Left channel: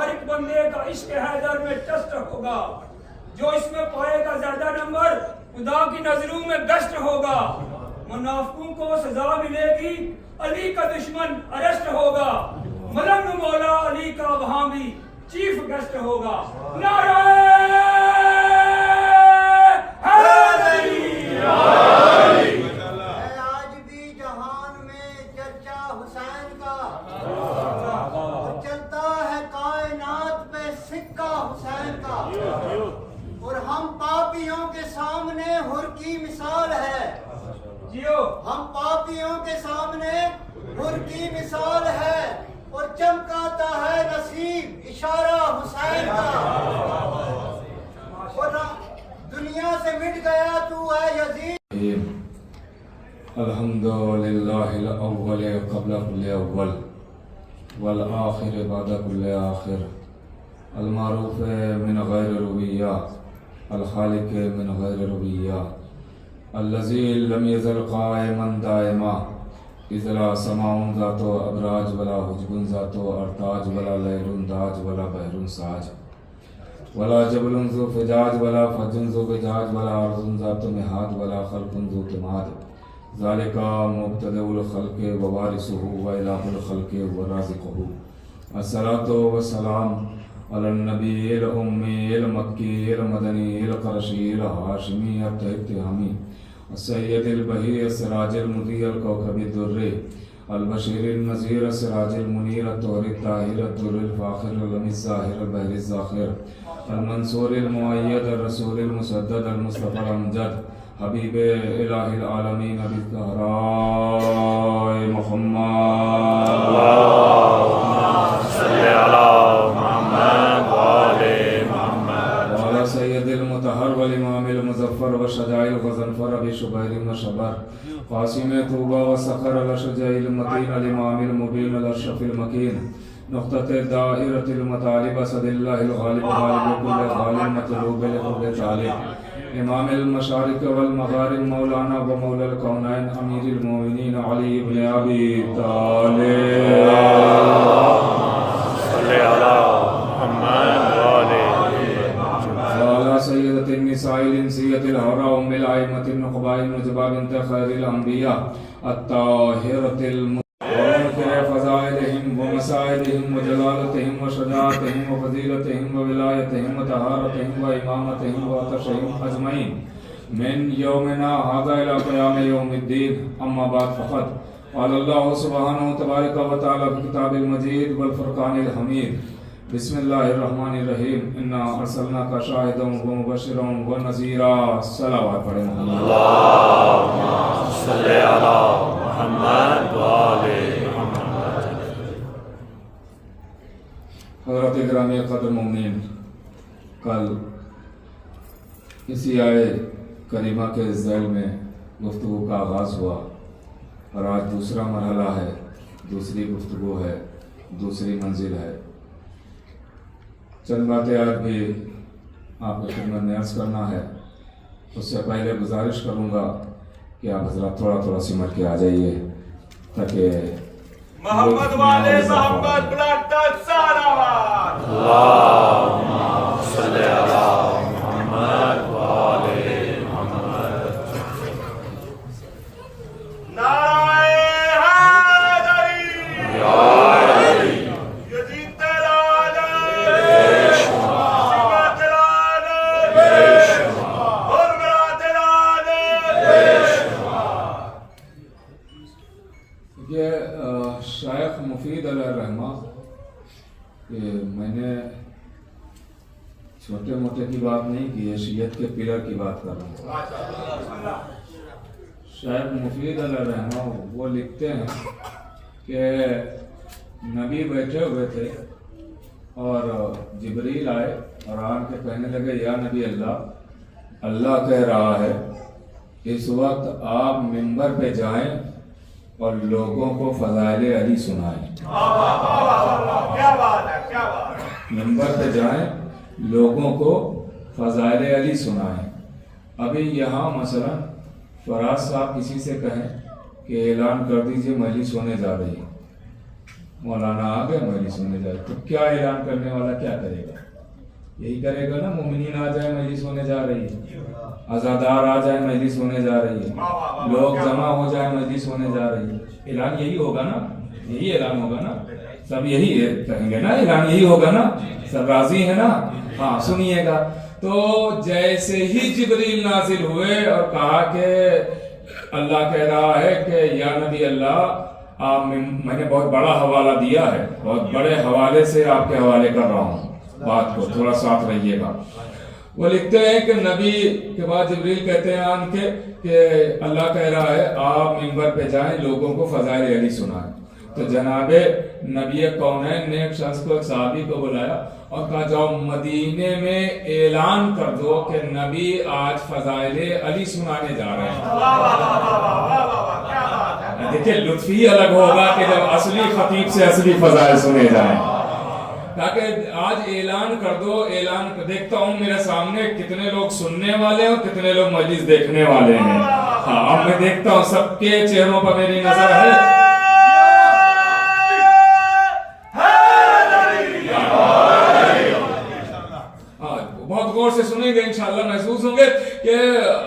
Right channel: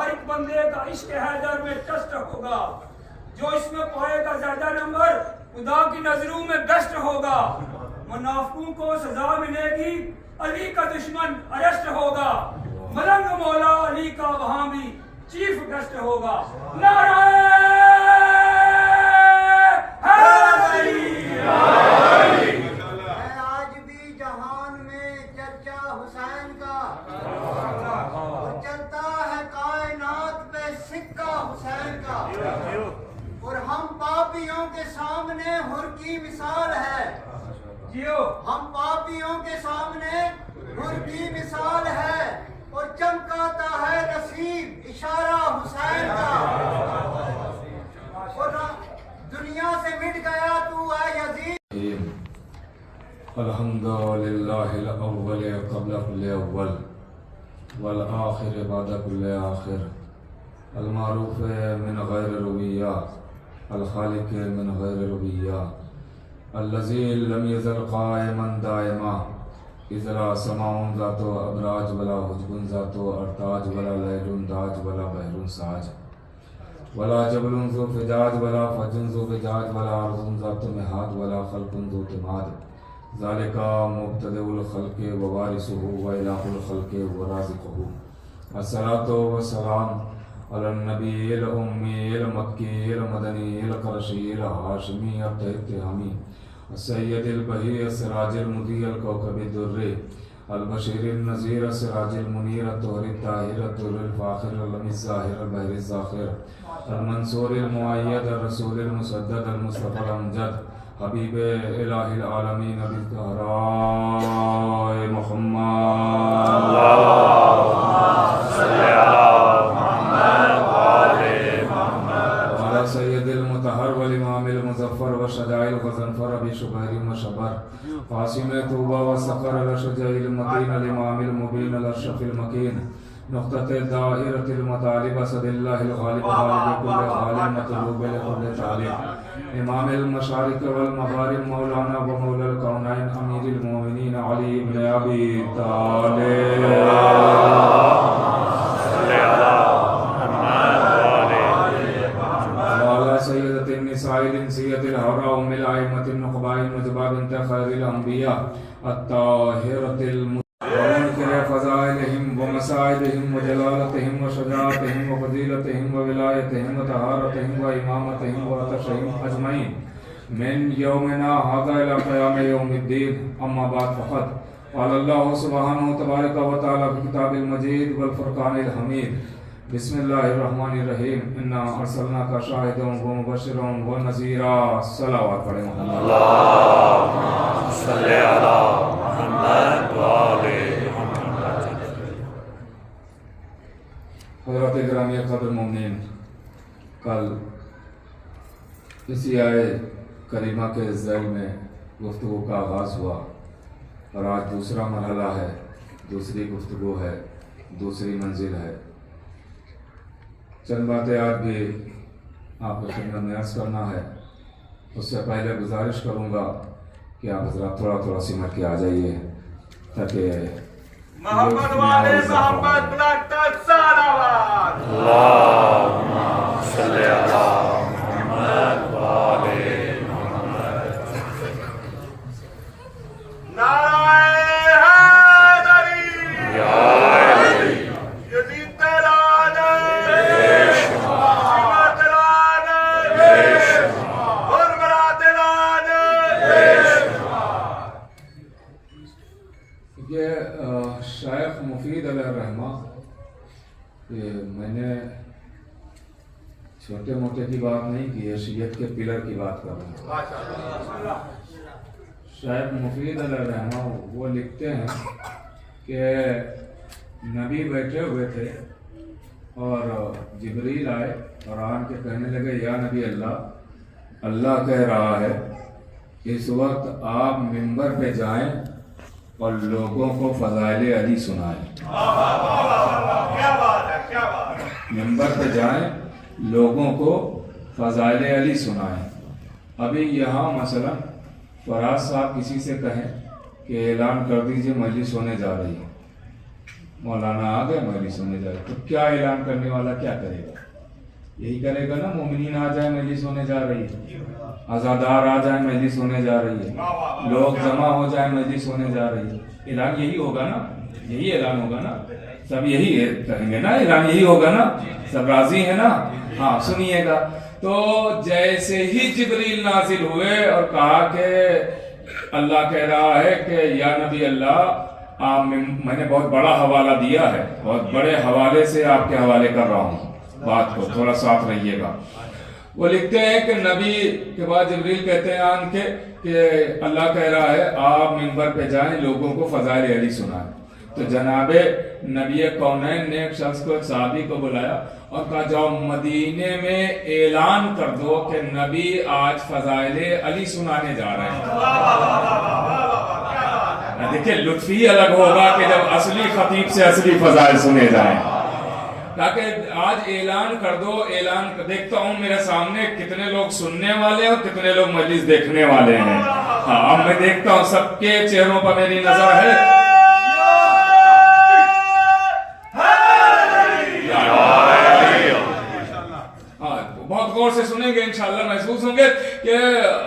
ہر ایک بندے کا عشق حیدر میں ٹیسٹ ہوگا، جو اس میں پائے گا زیادہ نمبر خدا کی نظروں میں بیسٹ ہوگا، منافقوں کو سزا ملے گی، علی کا دشمن اریسٹ ہوگا، ملنگ مولا علی کا وہاں بھی چیف گیسٹ ہوگا۔ نعرہ حیدری! آج بھی جہان میں چرچا حسین کا، چلتا ہے کائنات پہ سکہ حسین کا، اور ہم پاپیوں کے سامنے حر کی مثال ہے، ہم پاپیوں کے سامنے حر کی مثال ہے، اور چمکاتا ہے نصیب اشارہ حسین کا، اور دنیا سے مٹ گیا تو ہے یزید۔ الحمدللہ الاول قبل کل اول والآخر بعد کل آخر، المعروف من غیر رویہ الخالق من غیر رویہ، الذی لم یزل قائما دائما، اذ لا سماع ذات ابراج ولا حجب ذات ارتاج ولا لیل داج ولا بحر ساج ولا جبل ذو فجاج ولا فج ذو فجاج ولا ارض ذات مہاد ولا خلق ذو تماد، ذالک مبتدئ الخلق ووارثہ والہ الخلق ورازقہ۔ الصلاۃ والسلام علی النبی الأمی المکی المدنی القرشی الہاشمی التہمی السید البہی السراج المضیء الکوکب الدری البشیر النذیر السراج المنیر الطہر الطاہر الدر الفاخر العلم الظاہر البحر الزاخر المنصور المؤید الرسول المسدد المصطفى الامجد حبیب الہ العالمین بالزہراء محمد، اللہم صلی علی محمد وآل محمد، وعلی سید المطہر والامام المظفر والشجاع الغضنفر ابی شبیر وشبر قاسم طوبہ وسخر الاشجع المتین الامام المبین الاشرف المکین، نقطۃ دائرۃ المطالب اسد اللہ الغالب غالب کل غالب مطلوب لکل طالب، امام المشارق والمغارب مولانا و مولا الکونین امیر المومنین علی بن ابی طالب، وعلی سیدۃ النساء الانسیۃ الحراء ام الائمۃ النقباء النجباء بنت خیر الانبیاء الطاہرۃ فضائلهم ومسائلهم وجلالتهم وشجاعتهم وفضيلتهم وولایتهم وطہارتهم وامامتهم وعطشهم اجمعین من یومنا هذا الى قیام یوم الدین، اما بعد فقط قال اللہ سبحانہ تبارک و تعالی فی کتاب المجید والفرقان الحمید، بسم اللہ الرحمن الرحیم، انا ارسلناک شاہدا ومبشرا ونذیرا۔ صلوات پڑھیں محمد، اللہم صلی علی محمد وآل محمد۔ حضرات گرامی قدر مومنین، کل اسی آئے کریمہ کے ذیل میں گفتگو کا آغاز ہوا، اور آج دوسرا مرحلہ ہے، دوسری گفتگو ہے، دوسری منزل ہے۔ چند باتیں آج بھی آپ کی خدمت میں عرض کرنا ہے، اس سے پہلے گزارش کروں گا کہ آپ حضرات تھوڑا تھوڑا سمٹ کے آ جائیے تاکہ محمد والے محمد بلاتا سالاباد، اللہم صلی علی محمد وآل محمد۔ نعرہ حیدری! یزید تیرا ہے، سیما تیرا ہے، بربرا تیرا ہے۔ یہ شیخ مفید علیہ الرحمہ، میں نے چھوٹے موٹے کی بات نہیں کی ہے، شیعت کے پلر کی بات کر رہا ہوں۔ شیخ مفید علیہ الرحمہ وہ لکھتے ہیں کہ نبی بیٹھے ہوئے تھے اور جبریل آئے اور آن کے کہنے لگے، یا نبی اللہ، اللہ کہہ رہا ہے اس وقت آپ منبر پہ جائیں اور لوگوں کو فضائل علی سنائیں۔ منبر پہ جائیں، لوگوں کو فضائل علی سنائیں۔ ابھی یہاں مثلا فراز صاحب کسی سے کہیں کہ اعلان کر دیجئے مجلس ہونے جا رہی ہے، مولانا آ گئے مجلس ہونے جا رہی، تو کیا اعلان کرنے والا کیا کرے گا؟ یہی کرے گا نا، مومنین آ جائے مجلس ہونے جا رہی ہے، عزادار آ جائے مجلس ہونے جا رہی ہے، لوگ جمع ہو جائے مجلس ہونے جا رہی ہے، اعلان یہی ہوگا نا، یہی اعلان ہوگا نا، سب یہی کہیں گے نا، اعلان یہی ہوگا نا، سب راضی ہے نا؟ ہاں سنیے گا۔ تو جیسے ہی جبریل نازل ہوئے اور کہا کہ اللہ کہہ رہا ہے کہ یا نبی اللہ میں نے بہت بڑا حوالہ دیا ہے، بہت بڑے حوالے سے آپ کے حوالے کر رہا ہوں، بات کو تھوڑا ساتھ رہیے گا۔ وہ لکھتے ہیں کہ نبی کے بعد جبریل کہتے ہیں آن کے کہ اللہ کہہ رہا ہے آپ منبر پہ جائیں، لوگوں کو فضائل علی سنائیں۔ تو جناب نبی کونین نے ایک شخص کو، ایک صحابی کو بلایا اور کہا جاؤ مدینے میں اعلان کر دو کہ نبی آج فضائل علی سنانے جا رہے ہیں۔ دیکھیں لطف ہی الگ ہوگا کہ جب اصلی خطیب سے اصلی فضائل سنے جائیں، تاکہ آج اعلان کر دو۔ اعلان دیکھتا ہوں میرے سامنے کتنے لوگ سننے والے ہیں اور کتنے لوگ مجلس دیکھنے والے ہیں۔ ہاں اب میں دیکھتا ہوں سب کے چہروں پر میری نظر ہے۔ بہت غور سے سنیں گے، انشاءاللہ محسوس ہوں گے کہ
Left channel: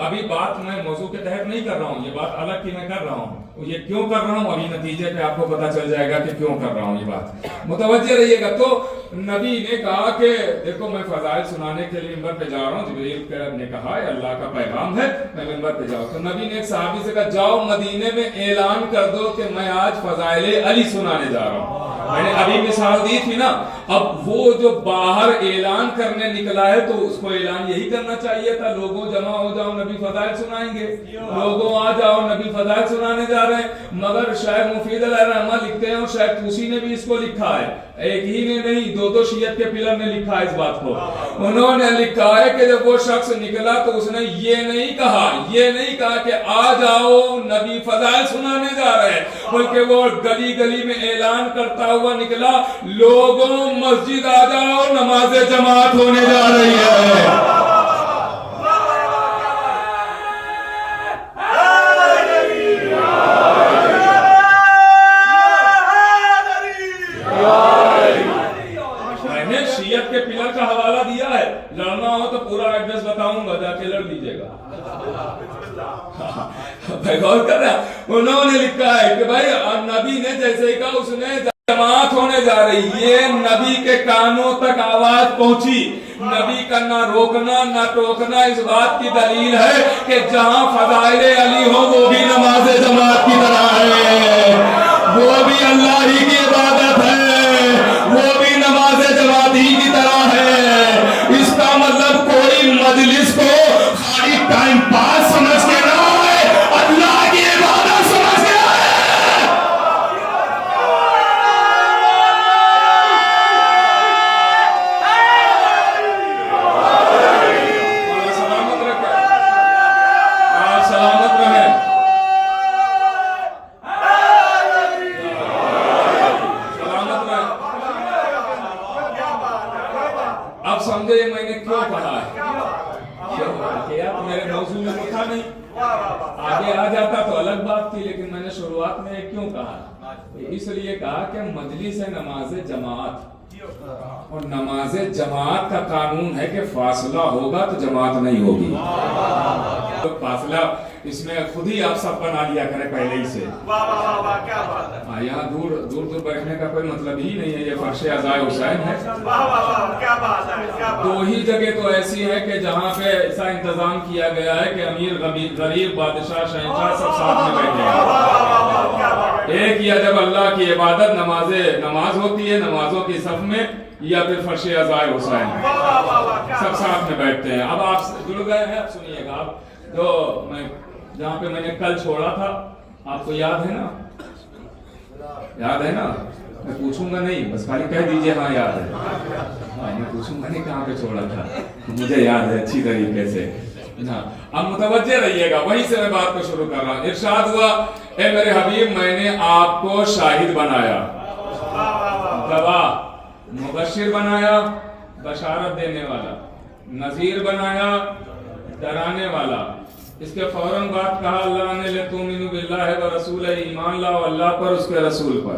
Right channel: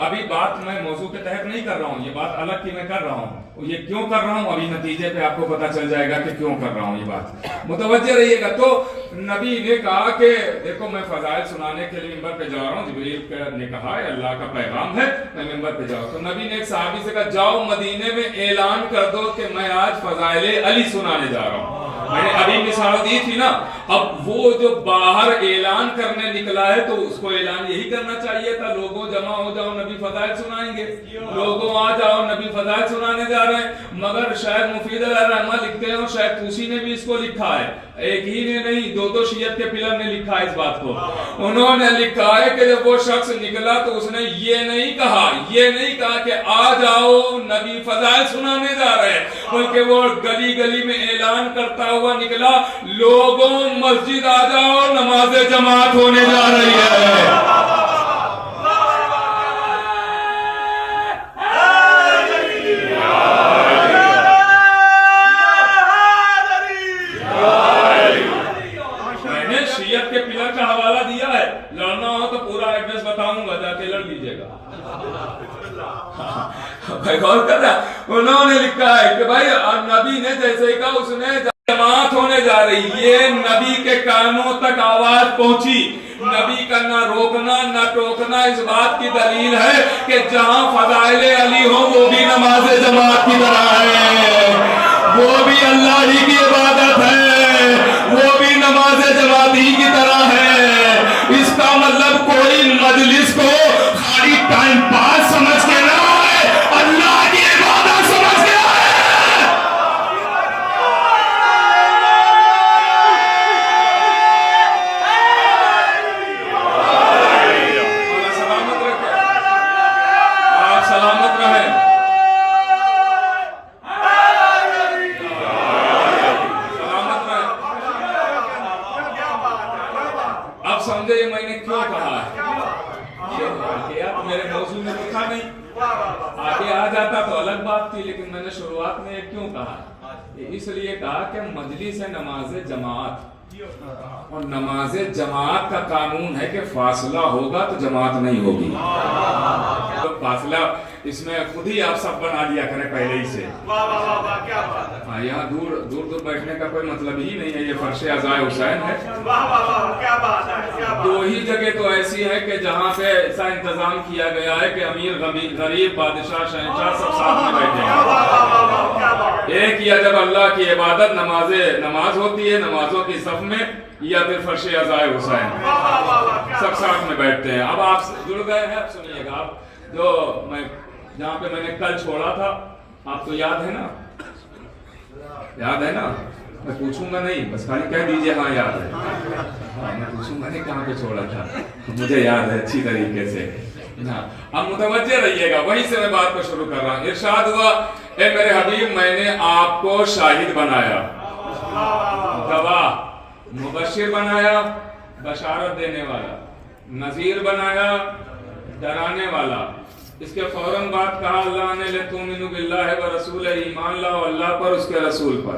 ابھی بات میں موضوع کے تحت نہیں کر رہا ہوں، یہ بات الگ کی میں کر رہا ہوں، یہ کیوں کر رہا ہوں ابھی نتیجے پہ آپ کو پتا چل جائے گا کہ کیوں کر رہا ہوں یہ بات، متوجہ رہیے گا۔ تو نبی نے کہا کہ دیکھو میں فضائل سنانے کے لیے منبر پہ جا رہا ہوں، جبریل نے کہا ہے اللہ کا پیغام ہے میں منبر پہ جاؤں۔ تو نبی نے ایک صحابی سے کہا جاؤ مدینے میں اعلان کر دو کہ میں آج فضائل علی سنانے جا رہا ہوں۔ میں نے ابھی مثال دی تھی نا، اب وہ جو باہر اعلان کرنے نکلا ہے تو اس کو اعلان یہی کرنا چاہیے تھا، لوگوں جمع ہو جاؤ نبی فضائل سنائیں گے، لوگوں آ جاؤ نبی فضائل سنانے جا رہے ہیں۔ مگر شاید مفید علیہ رحمہ لکھتے ہیں اور شاید توسی نے بھی اس کو لکھا ہے، ایک ہی نے نہیں دو شیعت کے پلر نے لکھا ہے اس بات کو۔ انہوں نے لکھا ہے کہ جب وہ شخص نکلا تو اس نے یہ نہیں کہا کہ آ جاؤ نبی فضائل سنانے جا رہے ہیں، بلکہ وہ گلی گلی میں اعلان کرتا ہوا نکلا لوگوں مسجد آ جاؤ نماز جماعت ہونے جا رہی ہے۔ کے پلر کا حوالہ دیا ہے، لڑنا ہو تو پورا ایڈریس بتاؤں گا، جا کے لڑ لیجیے گا۔ بھائی غور کر رہا، انہوں نے لکھا ہے کہ بھائی نبی نے جیسے کہا اس نے جماعت ہونے جا رہی، یہ نبی کے کانوں تک آواز پہنچی، نبی کا نہ روکنا نہ ٹوکنا اس بات کی دلیل ہے کہ جہاں فضائل علی ہو وہ بھی نماز جماعت کی طرح ہے، وہ بھی اللہ ہی کی عبادت ہے، وہ بھی نماز جماعت ہی کی طرح ہے۔ اس کا مطلب کوئی مجلس کو خالی ٹائم پاس سمجھ کے نہ آئے، اللہ کی عبادت سمجھ کے آئے۔ سلامت رکھے، آپ سلامت رہیں۔ اب سمجھے میں نے کیوں کہا ہے، میرے موضوع میں تو تھا نہیں، آگے آ جاتا تو الگ بات تھی، لیکن میں نے شروعات میں کیوں کہا، اس لیے کہا کہ مجلس ہے نماز جماعت، اور نماز جماعت کا قانون ہے کہ فاصلہ ہوگا تو جماعت نہیں ہوگی، فاصلہ اس میں خود ہی آپ سب بنا لیا کریں پہلے ہی سے۔ یہاں دور بیٹھنے کا کوئی مطلب ہی نہیں ہے، یہ فرش عزائے حسین ہے۔ دو ہی جگہ تو ایسی ہے کہ جہاں پہ ایسا انتظام کیا گیا ہے کہ امیر غریب بادشاہ شہنشاہ سب ساتھ میں بیٹھے ہیں، ایک یا جب اللہ کی عبادت نماز ہوتی ہے نمازوں کی صف میں، یا پھر فرش عزائے حسین سب ساتھ میں بیٹھتے ہیں۔ اب آپ جڑ گئے ہیں، اب سنیے گا، آپ جو میں جہاں پہ میں نے کل چھوڑا تھا آپ کو یاد ہے نا، میں پوچھوں گا نہیں، بس خالی کہہ دیجئے ہاں یاد ہے، میں پوچھوں گا نہیں کہاں پہ چھوڑا تھا، مجھے یاد ہے اچھی طریقے سے۔ اب متوجہ رہیے گا، وہیں سے میں بات کو شروع کر رہا ہوں۔ ارشاد ہوا اے میرے حبیب میں نے آپ کو شاہد بنایا، گواہ، مبشر بنایا، بشارت دینے والا، نذیر بنایا، ڈرانے والا۔ اس کے فوراً بعد کہا اللہ نے لِتُؤْمِنُوا بِاللَّهِ وَرَسُولِهِ، ایمان لاؤ اللہ پر اس کے رسول پر۔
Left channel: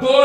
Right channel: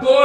2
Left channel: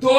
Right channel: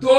2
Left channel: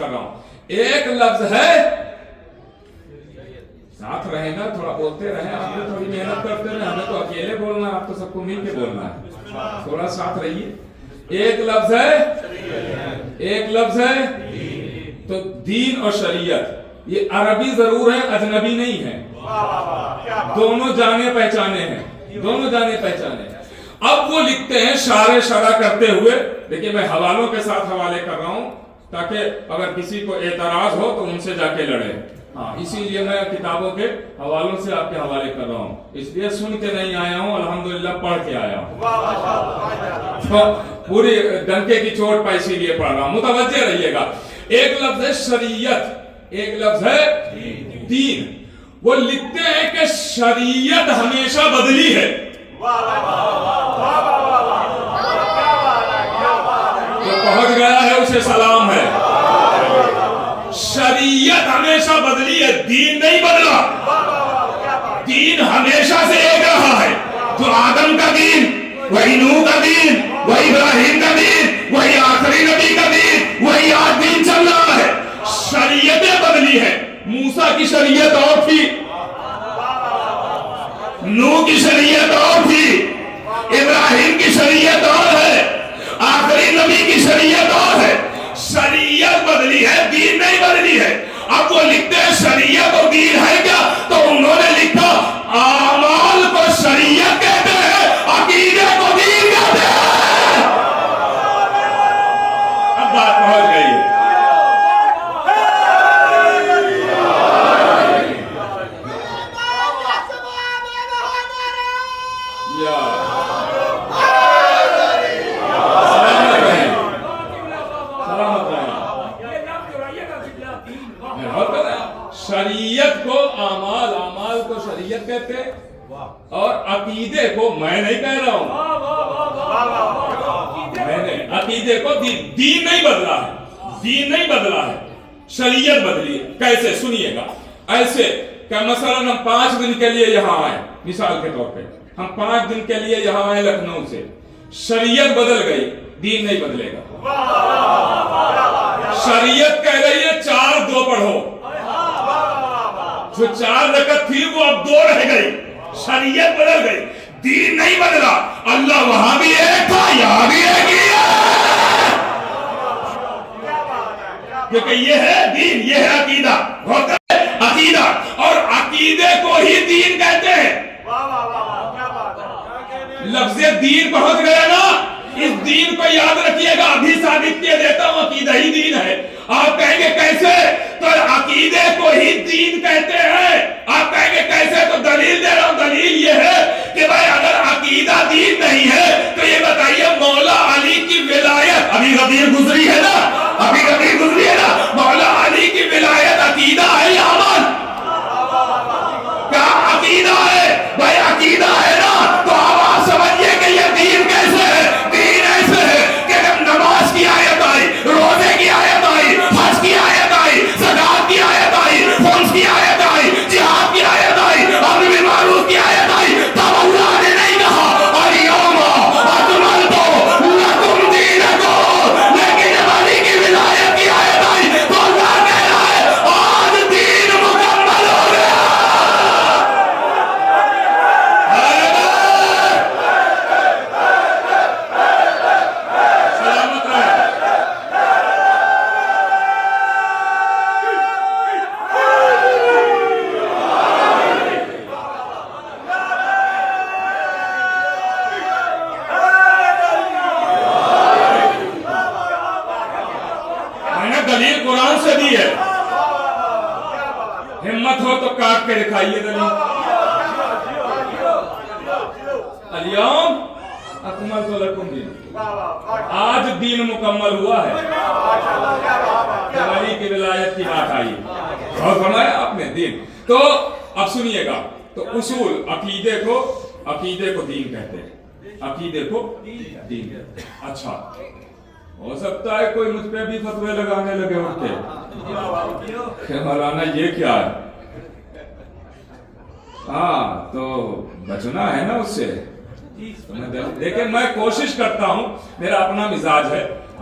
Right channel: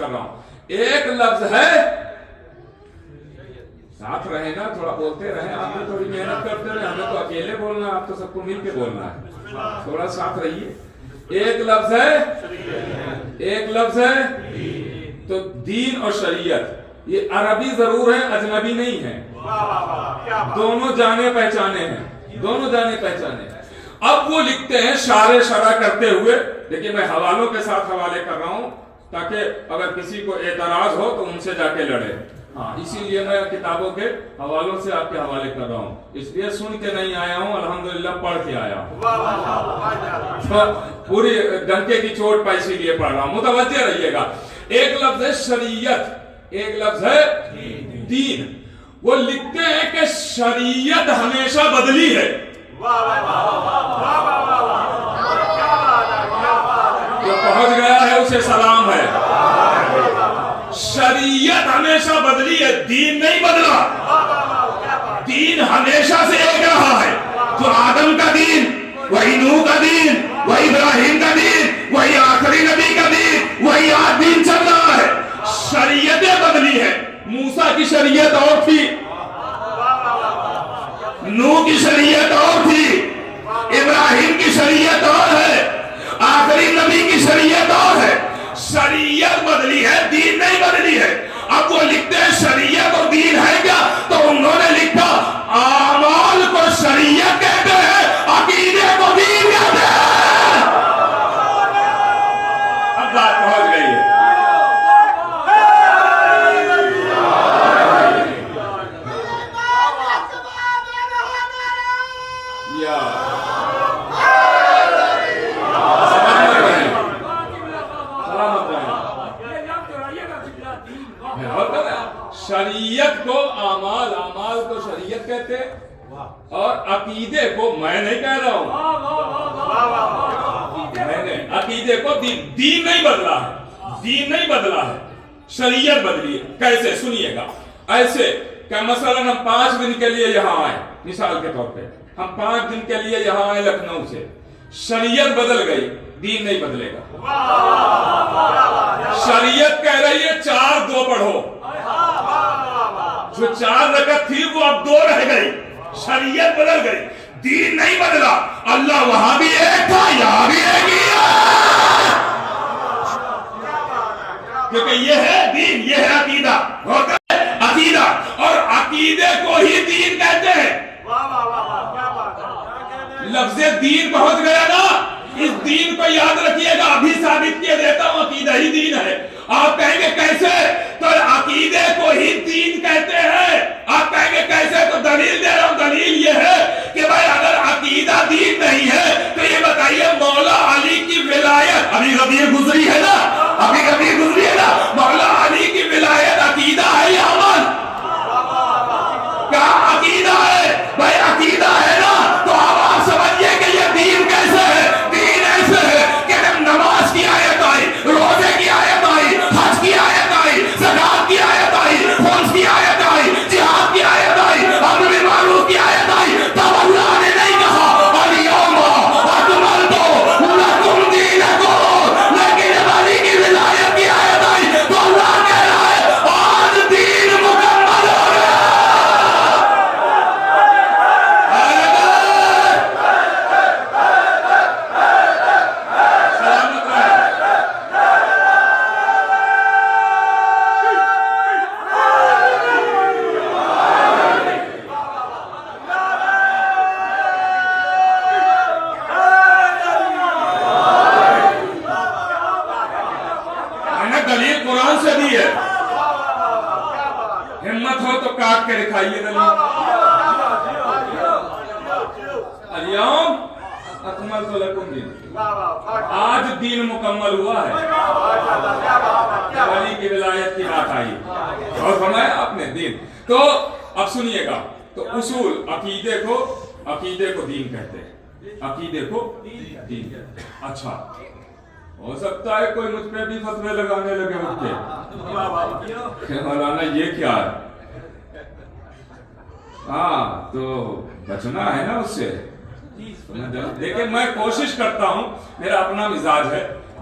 کر رہا ہوں. ایک لفظ ہے, ساتھ رہے نا, تھوڑا بولتے رہے, آپ نے تھوڑی محنت کرتے رہے, ہمیں تو اکیلے بولنا ہے, آپ تو سب کو مل کے بولنا ہے, تھوڑا ساتھ رہیے. ایک لفظ ہے, ایک لفظ ہے تو دین اور شریعت, یہ عربی ضرور ہے, اجنبی نہیں ہے, دونوں جانے پہچانے ہیں, دونوں جانے پہچانے. اب وہ لکھتے ہیں شارع شرع کرتے ہوئے, دیکھیں میں حوالوں کے ساتھ حوالے کر رہا ہوں تاکہ اگر کسی کو اعتراض ہو تو ان سے جا کے لڑے. ہاں, اسی لیے میں کتابوں کے حوالوں سے آپ کے حوالے کر رہا ہوں, اس لیے سن کے نہیں آیا ہوں, الحمدللہ پڑھ کے آیا ہوں. پوری ڈنکے کی چوٹ پہ اسی لیے پڑھ رہا ہوں, متوجہ رہیے گا. ایک لفظ ہے شریعت, ایک لفظ ہے دین. وہ لکھتے ہیں کہ شریعت ہمیشہ بدلی ہے. جو پہنچ گیا ہے اسے سلام ہے. شریعت ہمیشہ بدلی ہے, دین نہیں بدلا. دین ہمیشہ سے ایک رہا ہے, جو آدم کا دین, وہی نوح کا دین, وہی ابراہیم کا دین, وہی آخری نبی کا دین, وہی آج دین چل رہا ہے. شریعتیں بدلی ہے. موسیٰ کی شریعت اور تھی, نوح کی شریعت اور تھی, ابراہیم کی شریعت اور ہے, آخری نبی کی شریعت اور ہے. شریعت بدلی ہے, دین نہیں بدلی ہے. اب وہ لکھتے ہیں شریعت اور دین ہے کیا, تو انہوں نے لکھا اعمال کو شریعت کہتے ہیں, عقیدے کو دین کہتے ہیں. اب بات پہنچ گئی ہے. شریعت کو اعمال, اعمال کو شریعت کہتے ہیں, اور عقیدے کو میں نہیں کہہ رہا ہوں, میں نے عقیدے کو دین نہیں بدلا ہے, دین نہیں بدلا ہے, شریعت بدلی ہے. کیسے سنیے گا. ایسے کہ مثلا ہم 5 دن کے لیے یہاں آئے, مثال کے طور پہ ہم 5 دن کے لیے یہاں آئے لکھنؤ سے, شریعت بدل گئی, دین نہیں بدلے گا. شریعت کہہ رہی ہے 4-2 پڑھو, جو 4 رکعت تھی وہ اب 2 رہ گئی, شریعت بدل گئی, دین نہیں بدلا. اللہ وہاں بھی ایک تھا, یہاں بھی ایک ہی ہے, کیونکہ یہ ہے دین, یہ ہے عقیدہ. عقیدہ اور عقیدے کو ہی دین کہتے ہیں. لفظ دین پہنچ گیا نا, اس دین کو یاد رکھیے گا. ابھی ثابت کیے دیتا ہوں, عقیدہ ہی دین ہے. آپ کہیں گے کیسے, تو عقیدے کو ہی دین کہتے ہیں. آپ کہیں گے کیسے, تو دلیل دے رہا ہوں. دلیل یہ ہے کہ بھائی اگر عقیدہ دین نہیں ہے تو یہ بتائیے مولا علی کی ولایت ابھی غدیر گزری ہے نا, ابھی غدیر گزری ہے نا, مولا علی کی ولایت عقیدہ ہے یا عمل؟ کیا عقیدہ ہے بھائی؟ عقیدہ ہے نا, تو آپ سمجھیے کہ یہ دین کیسے ہے. دین ایسے ہے کہ جب نماز کی آیت آئی, روزے کی آیت آئی, حج کی آیت آئی, زکات کی آیت آئی, خمس کی آیت آئی, جہاد کی آیت آئی, امر بالمعروف کی آیت آئی, تب اللہ نے نہیں کہا الیوم اکملت لکم دینکم, لیکن جب علی کی ولایت کی آیت آئی تو اللہ کہہ رہا ہے آج دین مکمل ہو گیا. سلامت رہے. میں نے دلیل قرآن سے دی ہے, ہمت ہو تو کاٹ کے دکھائیے دلیل. الیوم اکملت لکم دینکم, آج دین مکمل ہوا ہے. جب علی کی ولایت کی بات آئی اور فرمایا آپ نے دین. تو اب سنیے گا, تو اصول عقیدے کو دین کہتے ہیں, عقیدے کو دین کہتے ہیں. اچھا, ہو سکتا ہے کوئی مجھ پہ بھی فتوے لگانے لگے اٹھ کے کہ مولانا یہ کیا ہے. ہاں, تو بچنا ہے نا اس سے. لیکن میں کوشش کرتا ہوں, میرا اپنا مزاج ہے,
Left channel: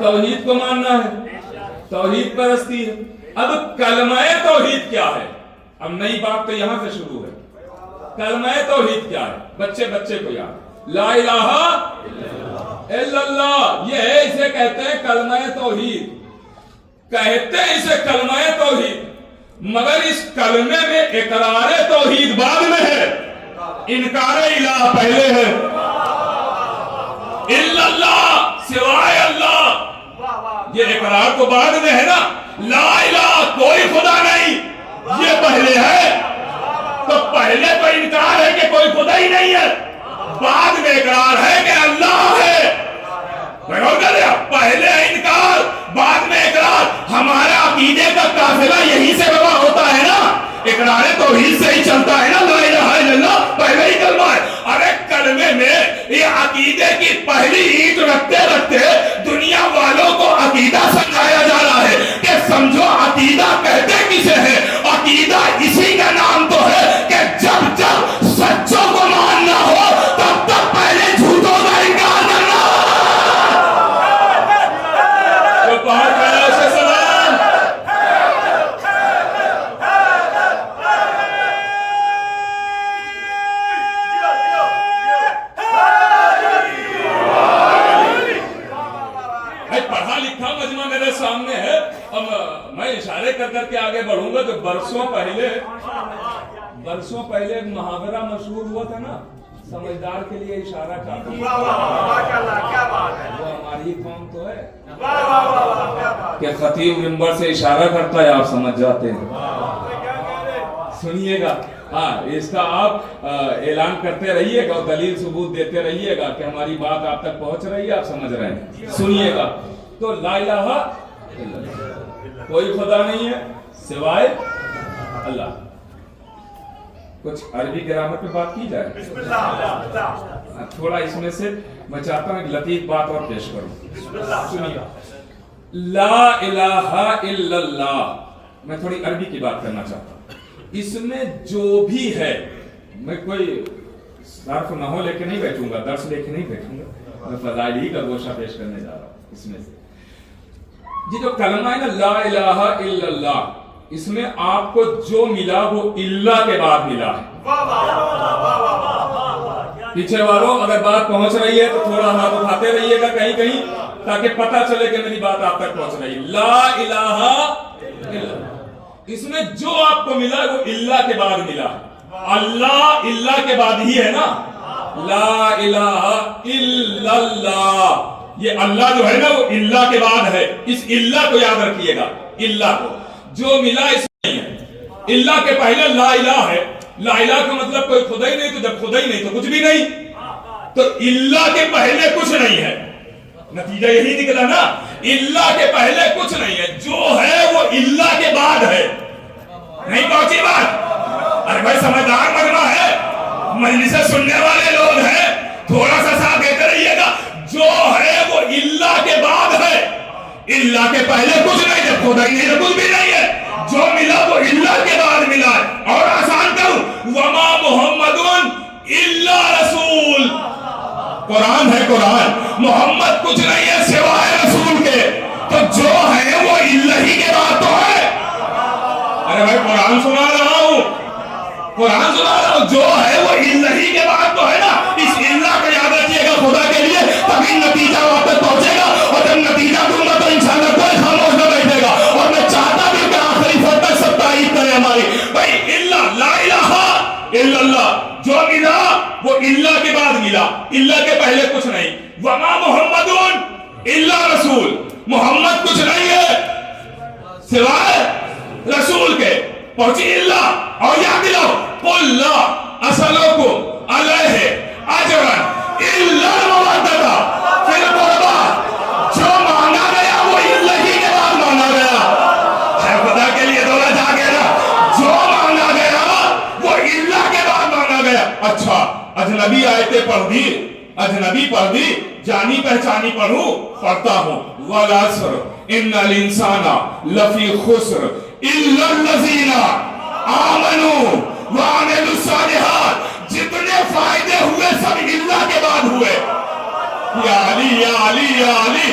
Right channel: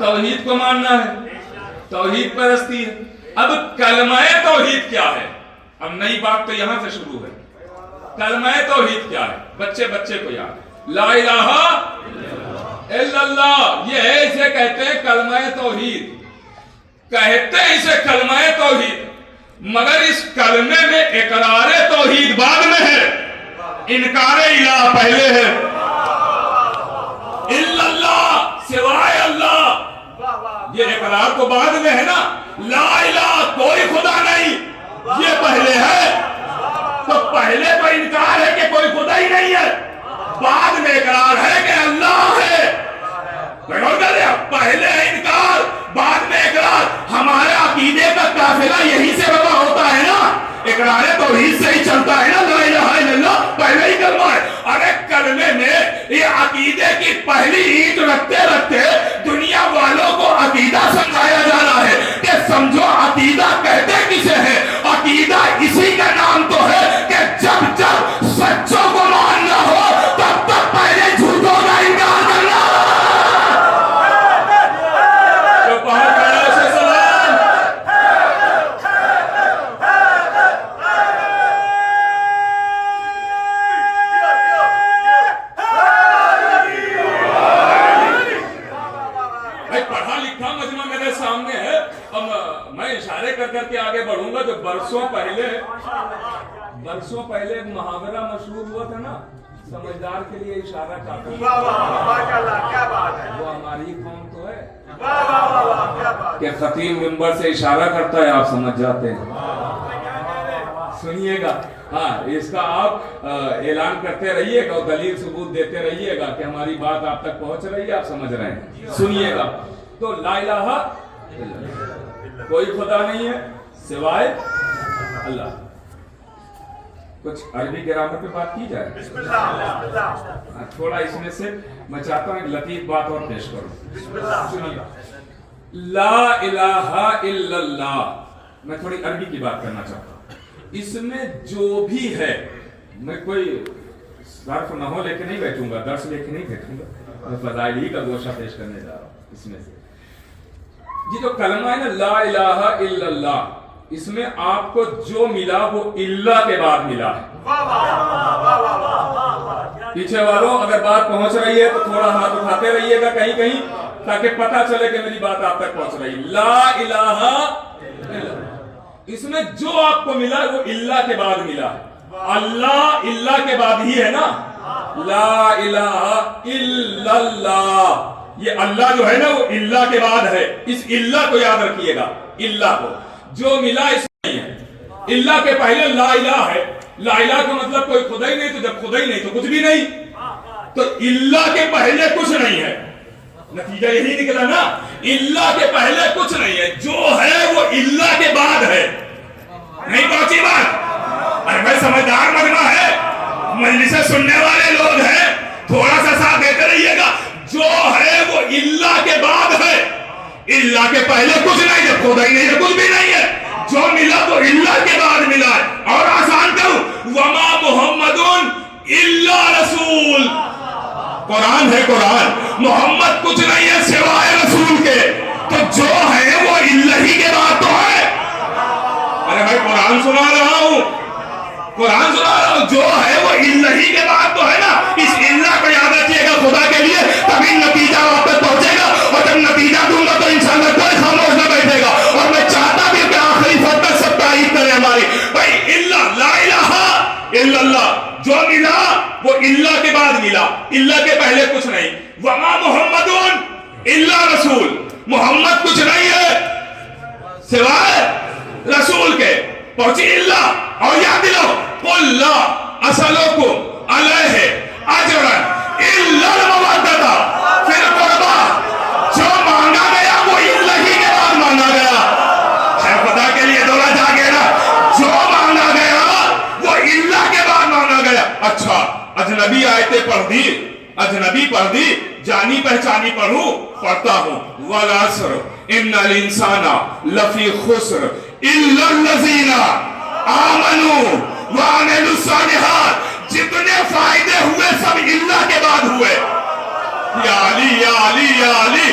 توحید کو ماننا ہے، توحید پرستی ہے۔ اب کلمہ توحید کیا ہے؟ اب نئی بات تو یہاں سے شروع ہے۔ کلمہ توحید کیا ہے؟ بچے بچے کو یاد، لا الہ الا اللہ، یہ ہے، اسے کہتے ہیں کلمہ توحید، کہتے ہیں اسے کلمہ توحید، مگر اس کلمے میں اقرار توحید بعد میں ہے، انکار الہ پہلے ہے۔ الا اللہ، سوائے اللہ، یہ اقرار تو بعد میں ہے نا۔ لا الہ، کوئی خدا نہیں، یہ پہلے ہے۔ تو پہلے تو انکار ہے کہ کوئی خدا ہی نہیں ہے، بعد میں اقرار ہے کہ اللہ ہے۔ پہلے انکار بعد میں اقرار، ہمارے عقیدے کا قافلہ یہی سے روا ہوتا ہے نا، اقرار توحید سے ہی چلتا ہے نا، لا الہ الا اللہ پہلے ہی کلمہ ہے۔ ارے کلمے میں یہ عقیدے کی پہلی اینٹ رکھتے رکھتے دنیا والوں کو عقیدہ سمجھایا جا رہا ہے کہ سمجھو عقیدہ کہتے کسے ہے؟ عقیدہ اسی کا نام تو ہے کہ جب جب سچوں کو ماننا ہو تب تک پہلے جھوٹوں کا انکار کرنا۔ جو پہنچ گیا اسے سلام۔ پڑھا لکھا مجمع میرے سامنے ہے، اب میں اشارے کر کر کے آگے بڑھوں گا۔ جو برسوں پہلے ایک محاورہ مشہور ہوا تھا نا، سمجھدار کے لیے اشارہ کافی، وہ ہماری قوم تو ہے کہ خطیب منبر سے اشارہ کرتا ہے، آپ سمجھ جاتے ہیں۔ سنیے گا، ہاں اس کا آپ اعلان کرتے رہیے گا اور دلیل ثبوت دیتے رہیے گا کہ ہماری بات آپ تک پہنچ رہی ہے، آپ سمجھ رہے ہیں۔ سنیے گا، تو لا الہ الا اللہ، کوئی خدا نہیں ہے سوائے اللہ۔ کچھ عربی گرامر پہ بات کی جائے، تھوڑا اس میں سے میں چاہتا ہوں ایک لطیف بات اور پیش کروں۔ سنیے، لا الہ الا اللہ، میں تھوڑی عربی کی بات کرنا چاہتا ہوں۔ اس میں جو بھی ہے، میں کوئی صرف نہ ہو لے کے نہیں بیٹھوں گا، درس لے کے نہیں بیٹھوں گا، میں فضائل ہی کا گوشہ پیش کرنے جا رہا ہوں۔ اس میں سے یہ جو کلمہ ہے نا لا الہ الا اللہ، اس میں آپ کو جو ملا وہ اللہ کے بعد ملا ہے۔ پیچھے والوں اگر بات پہنچ رہی ہے تو تھوڑا ہاتھ اٹھاتے رہیے گا کہیں کہیں، تاکہ پتہ چلے کہ میری بات آپ تک پہنچ رہی ہے۔ لا الہ الا اللہ، اس میں جو آپ کو ملا وہ اللہ کے بعد ملا ہے۔ اللہ اللہ کے بعد ہی ہے نا، لا الہ الا اللہ، یہ اللہ جو ہے نا وہ اللہ کے بعد ہے۔ اس اللہ کو یاد رکھیے گا، اللہ کو جو ملا اس میں نہیں ہے۔ اللہ کے پہلے لا الہ ہے، لا الہ کا مطلب کوئی خدا ہی نہیں، تو جب خدا ہی نہیں تو کچھ بھی نہیں، تو اللہ کے پہلے کچھ نہیں ہے، نتیجہ یہی نکلا نا، اللہ کے پہلے کچھ نہیں ہے، جو ہے وہ اللہ کے بعد ہے۔ نہیں پہنچی بات؟ ارے بھائی سمجھدار مجمع ہے، مجلس سننے والے لوگ ہیں، تھوڑا سا ساتھ دیتے رہیے گا۔ جو ہے وہ اللہ کے بعد ہے، اللہ کے پہلے کچھ نہیں، جب خدا ہی نہیں تو کچھ بھی نہیں ہے، جو ملا وہ اللہ کے بعد ملا ہے۔ اور آسان کروں، وما محمد الا رسول، قرآن ہے، قرآن، محمد کچھ نہیں ہے سوائے رسول کے، تو جو ہے وہ اللہ ہی کے بعد تو ہے۔ ارے بھائی قرآن سنا رہا ہوں، قرآن سنا رہا ہوں، جو ہے وہ اللہ ہی کے بعد تو ہے نا۔ اس اللہ کو یاد رکھیے گا خدا کے لیے، تبھی نتیجہ وہاں تک پہنچے گا، اور جب نتیجہ دوں گا تو انشاءاللہ کوئی خاموش نہ بیٹھے گا۔ اور میں چاہتا بھی کہ آخری فرد تک سب تعریف کرے ہماری، بھائی اللہ، لا الہ الا اللہ، جو ملا وہ اللہ کے بعد ملا، اللہ کے پہلے کچھ نہیں۔ وما محمد الا رسول، محمد کچھ نہیں ہے سوائے رسول کے، پہنچی اللہ۔ اور یاد دلاؤ، قل لا اسألکم علیہ اجرا الا المودۃ فی القربى، جو مانگا گیا وہ اللہ ہی کے بعد مانگا گیا۔ شاید خدا کے لیے دوڑا جا کے نا، جو مانگا گیا وہ اللہ کے بعد مانگا گیا۔ اچھا اجنبی آیتیں پڑھ دی، اجنبی پڑھ دی، جانی پہچانی پڑھوں، پڑھتا ہوں۔ والعصر ان الانسان لفی خسر الا الذین آمنوا وعملوا الصالحات، جتنے فائدے ہوئے سب اللہ کے بعد ہوئے۔ یا علی یا علی یا علی،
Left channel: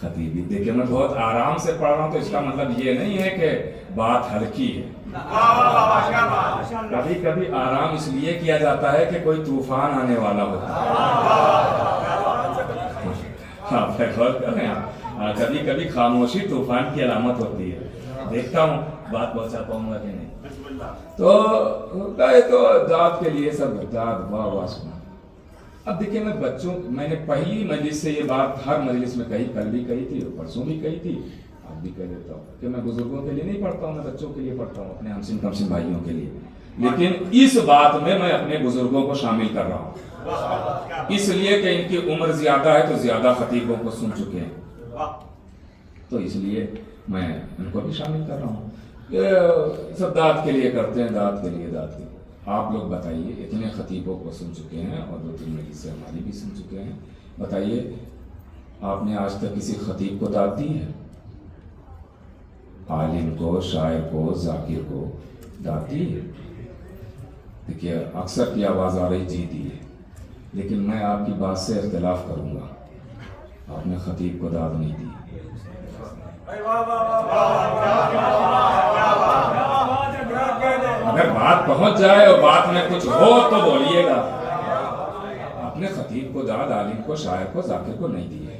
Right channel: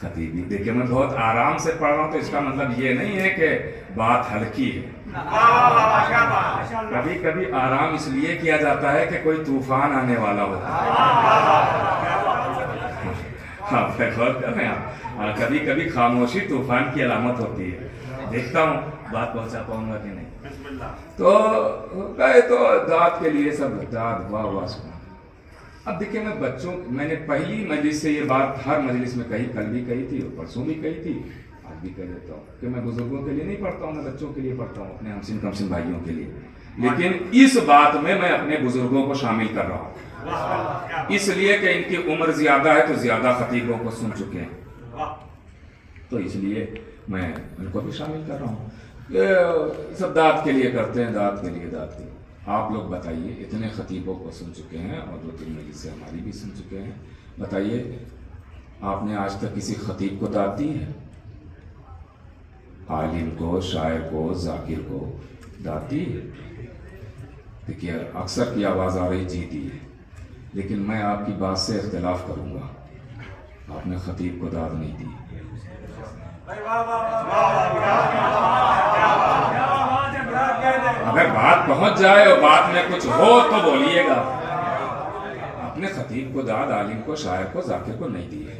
خطیبی دیکھیں میں بہت آرام سے پڑھ رہا ہوں تو اس کا مطلب یہ نہیں ہے کہ بات ہلکی ہے. کبھی کبھی آرام اس لیے کیا جاتا ہے کہ کوئی طوفان آنے والا ہوتا ہے. ہاں غور کر رہے ہیں. کبھی کبھی خاموشی طوفان کی علامت ہوتی ہے. دیکھتا ہوں بات پہنچا پاؤں گا کہ نہیں. تو گئے تو داد کے لیے سب داد واہ واہ سنا. اب دیکھیں میں نے پہلی مجلس سے یہ بات ہر مجلس میں کہی, کل بھی کہی تھی اور پرسوں بھی کہی تھی, آج بھی کہہ دیتا ہوں کہ میں بزرگوں کے لیے نہیں پڑھتا ہوں, میں بچوں کے لیے پڑھتا ہوں, اپنے ہمسن کمسن بھائیوں کے لیے. لیکن اس بات میں اپنے بزرگوں کو شامل کر رہا ہوں, اس لیے کہ ان کی عمر زیادہ ہے تو زیادہ خطیبوں کو سن چکے ہیں, تو اس لیے میں ان کو بھی شامل کر رہا ہوں. سب داد کے لیے کرتے ہیں, داد کے لیے. آپ لوگ بتائیے, اتنے خطیبوں کو سن چکے ہیں اور 2-3 مجلس سے ہماری بھی سن چکے ہیں, بتائیے آپ نے آج تک کسی خطیب کو داد دی ہے؟ عالم کو, شاعر کو, ذاکر کو داد دی ہے؟ دیکھیے اکثر کی آواز آ رہی جی دی ہے, لیکن میں آپ کی بات سے اختلاف کروں گا. آپ نے خطیب کو داد نہیں دی. اگر بات پہنچ جائے اور بات میں کچھ ہو تو بولیے گا. آپ نے خطیب کو داد, عالم کو, شاعر کو, ذاکر کو نہیں دی ہے.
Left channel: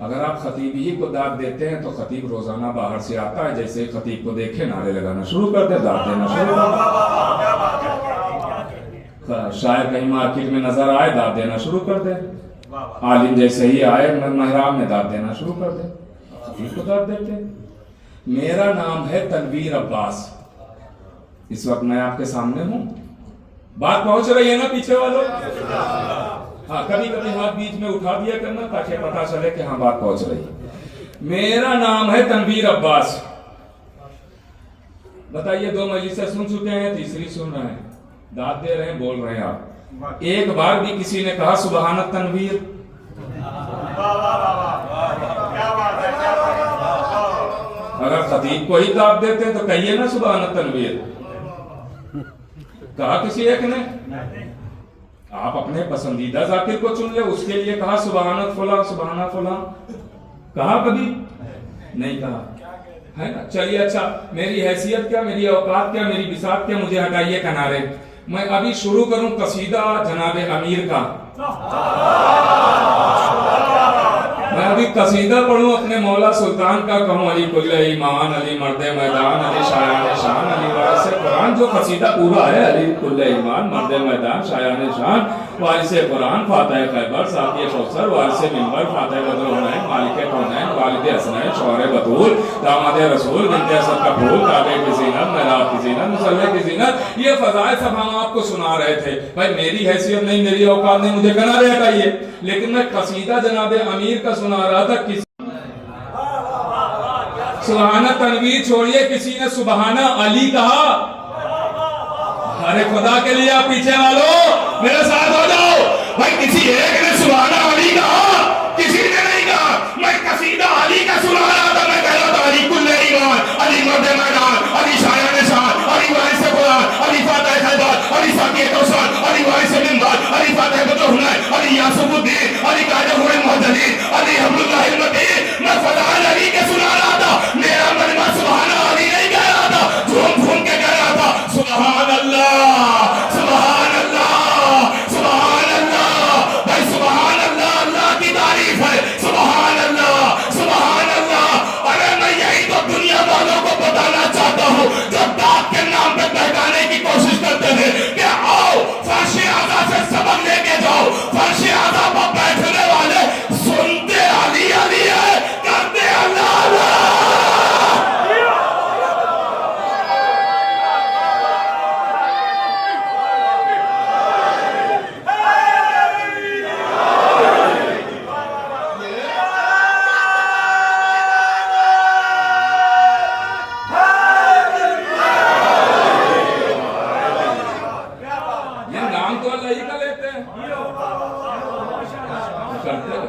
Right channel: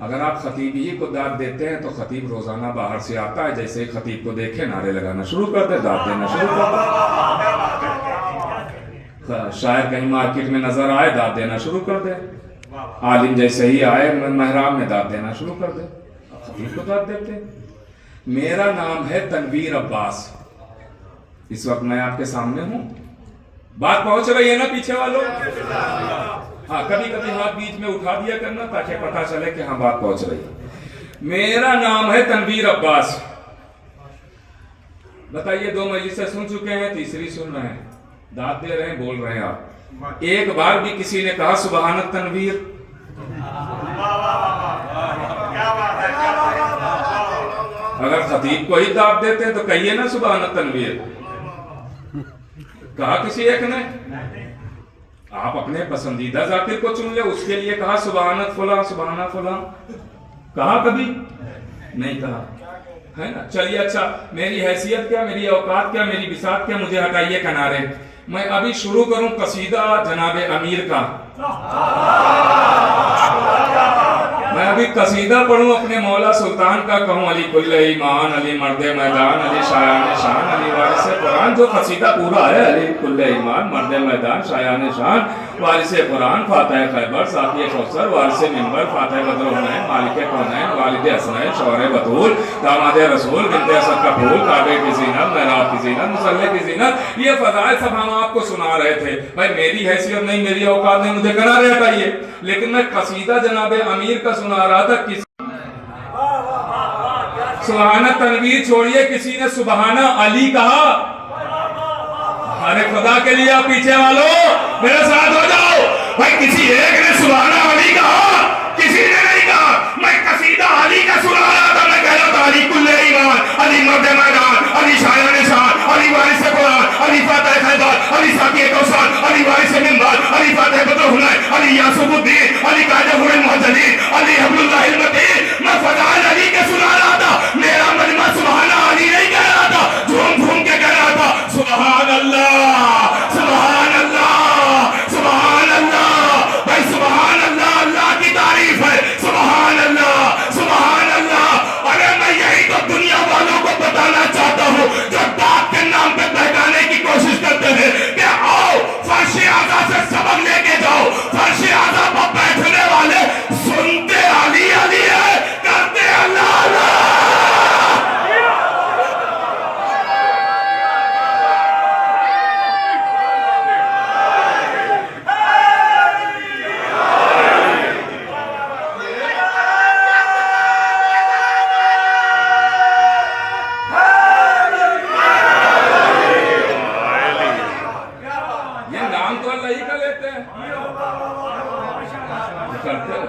اگر آپ خطیب ہی کو داد دیتے ہیں تو خطیب روزانہ باہر سے آتا ہے, جیسے ہی خطیب کو دیکھے نعرے لگانا شروع کر دے, داد دینا شروع کر دے. شاعر کہیں مارکیٹ میں نظر آئے, داد دینا شروع کر دے. عالم جیسے ہی آئے محراب میں داد دینا شروع کر دے. خطیب کو داد دیتے. میرا نام ہے تنویر عباس, اس وقت میں آپ کے سامنے ہوں. بات پہنچ رہی ہے نا پیچھے والوں؟ ہاں کبھی کبھی ہاتھ بیچ میں اٹھا دیا کرنا تاکہ پتا چلے کہ ہاں بات پہنچ رہی ہے. میرا نام ہے تنویر عباس. بتائیے 2 مجلس سے سن چکے ہیں, تیسری سن رہے ہیں, داد دے رہے ہیں, بول رہے ہیں آپ. ایک بار بھی کسی نے کہا سبحان التنویر؟ اگر خطیب کو ہی داد دیتے تو کہیے نا سبحان التنویر. کہا کسی ایک نے؟ آپ اپنے پسندیدہ ذاکر کو چن لے, اس کے لیے کہا سبحانت فلاں, سبحانہ فلاں, کہا کبھی نہیں کہا ہے نا. چلیے اچھا, میری حیثیت کیا, میری اوقات کیا, میری بساط کیا, مجھے ہٹائیے کنارے. میں ابھی شروع کروں قصیدہ جناب امیر کا. میں ابھی قصیدہ پڑھوں اپنے مولا سلطان کا, کہوں علی کل ایمان, علی مرد میدان, علی شایان شان, علی وارث قرآن. جو قصیدہ پورا ہے, علی کل ایمان, مرد میدان, شایان شان, وارث قرآن, فاتح خیبر, ساقی کوثر, وارث منبر, فاتح بدر العنین, مالک کونین, والد حسنین, شوہر بطول, داماد رسول, بنت اسد کا پھول, کعبے کی زینت, محراب کی زینت, مصلی کی زینت. یہ فضائل سب ہم آپ کو سنا رہے تھے. بھائی میری حیثیت نہیں, میری اوقات نہیں, مجھے کنارے ہٹائیے. لیکن میں قصیدہ جناب امیر کا سنا رہا تھا. سبحانہ تنویر چھوڑیے, کسی نے سبحانہ علی کہا؟ ارے خدا کے لیے آپ پیچھے والوں میرے ساتھ ہو جاؤ. بھائی کسی ایک نے سبحانہ علی کہا, کسی نے نہیں کہا. میں قصیدہ علی کا سنا رہا تھا, میں کہہ رہا تھا علی کل ایمان, علی مرد میدان, علی شایان شان, علی وارث قرآن, علی فاتح خیبر, علی ساقی کوثر, علی وارث منبر, علی فاتح بدر العنین, علی یاسف الدین, علی قائد المعتدین, علی حبل اللہ المتین. میں فضائل علی کے سنا رہا تھا. میرا مجمع سبحانہ علی نہیں کہہ رہا تھا, جھوم جھوم کے کہہ رہا تھا سبحان اللہ, سبحان اللہ, سبحان اللہ. بھائی سبحان اللہ, اللہ کی تعریف ہے. سبحان اللہ, سبحان اللہ. ارے میں یہی تو دنیا والوں کو بتانا چاہتا ہوں جو داد کے نام پہ بہکانے کی کوشش کرتے ہیں کہ آؤ فرش اعلیٰ سے سبق لے کے جاؤ. فرش اعلیٰ پر بیٹھنے والے سنتے علی علی ہے, کرتے اللہ اللہ.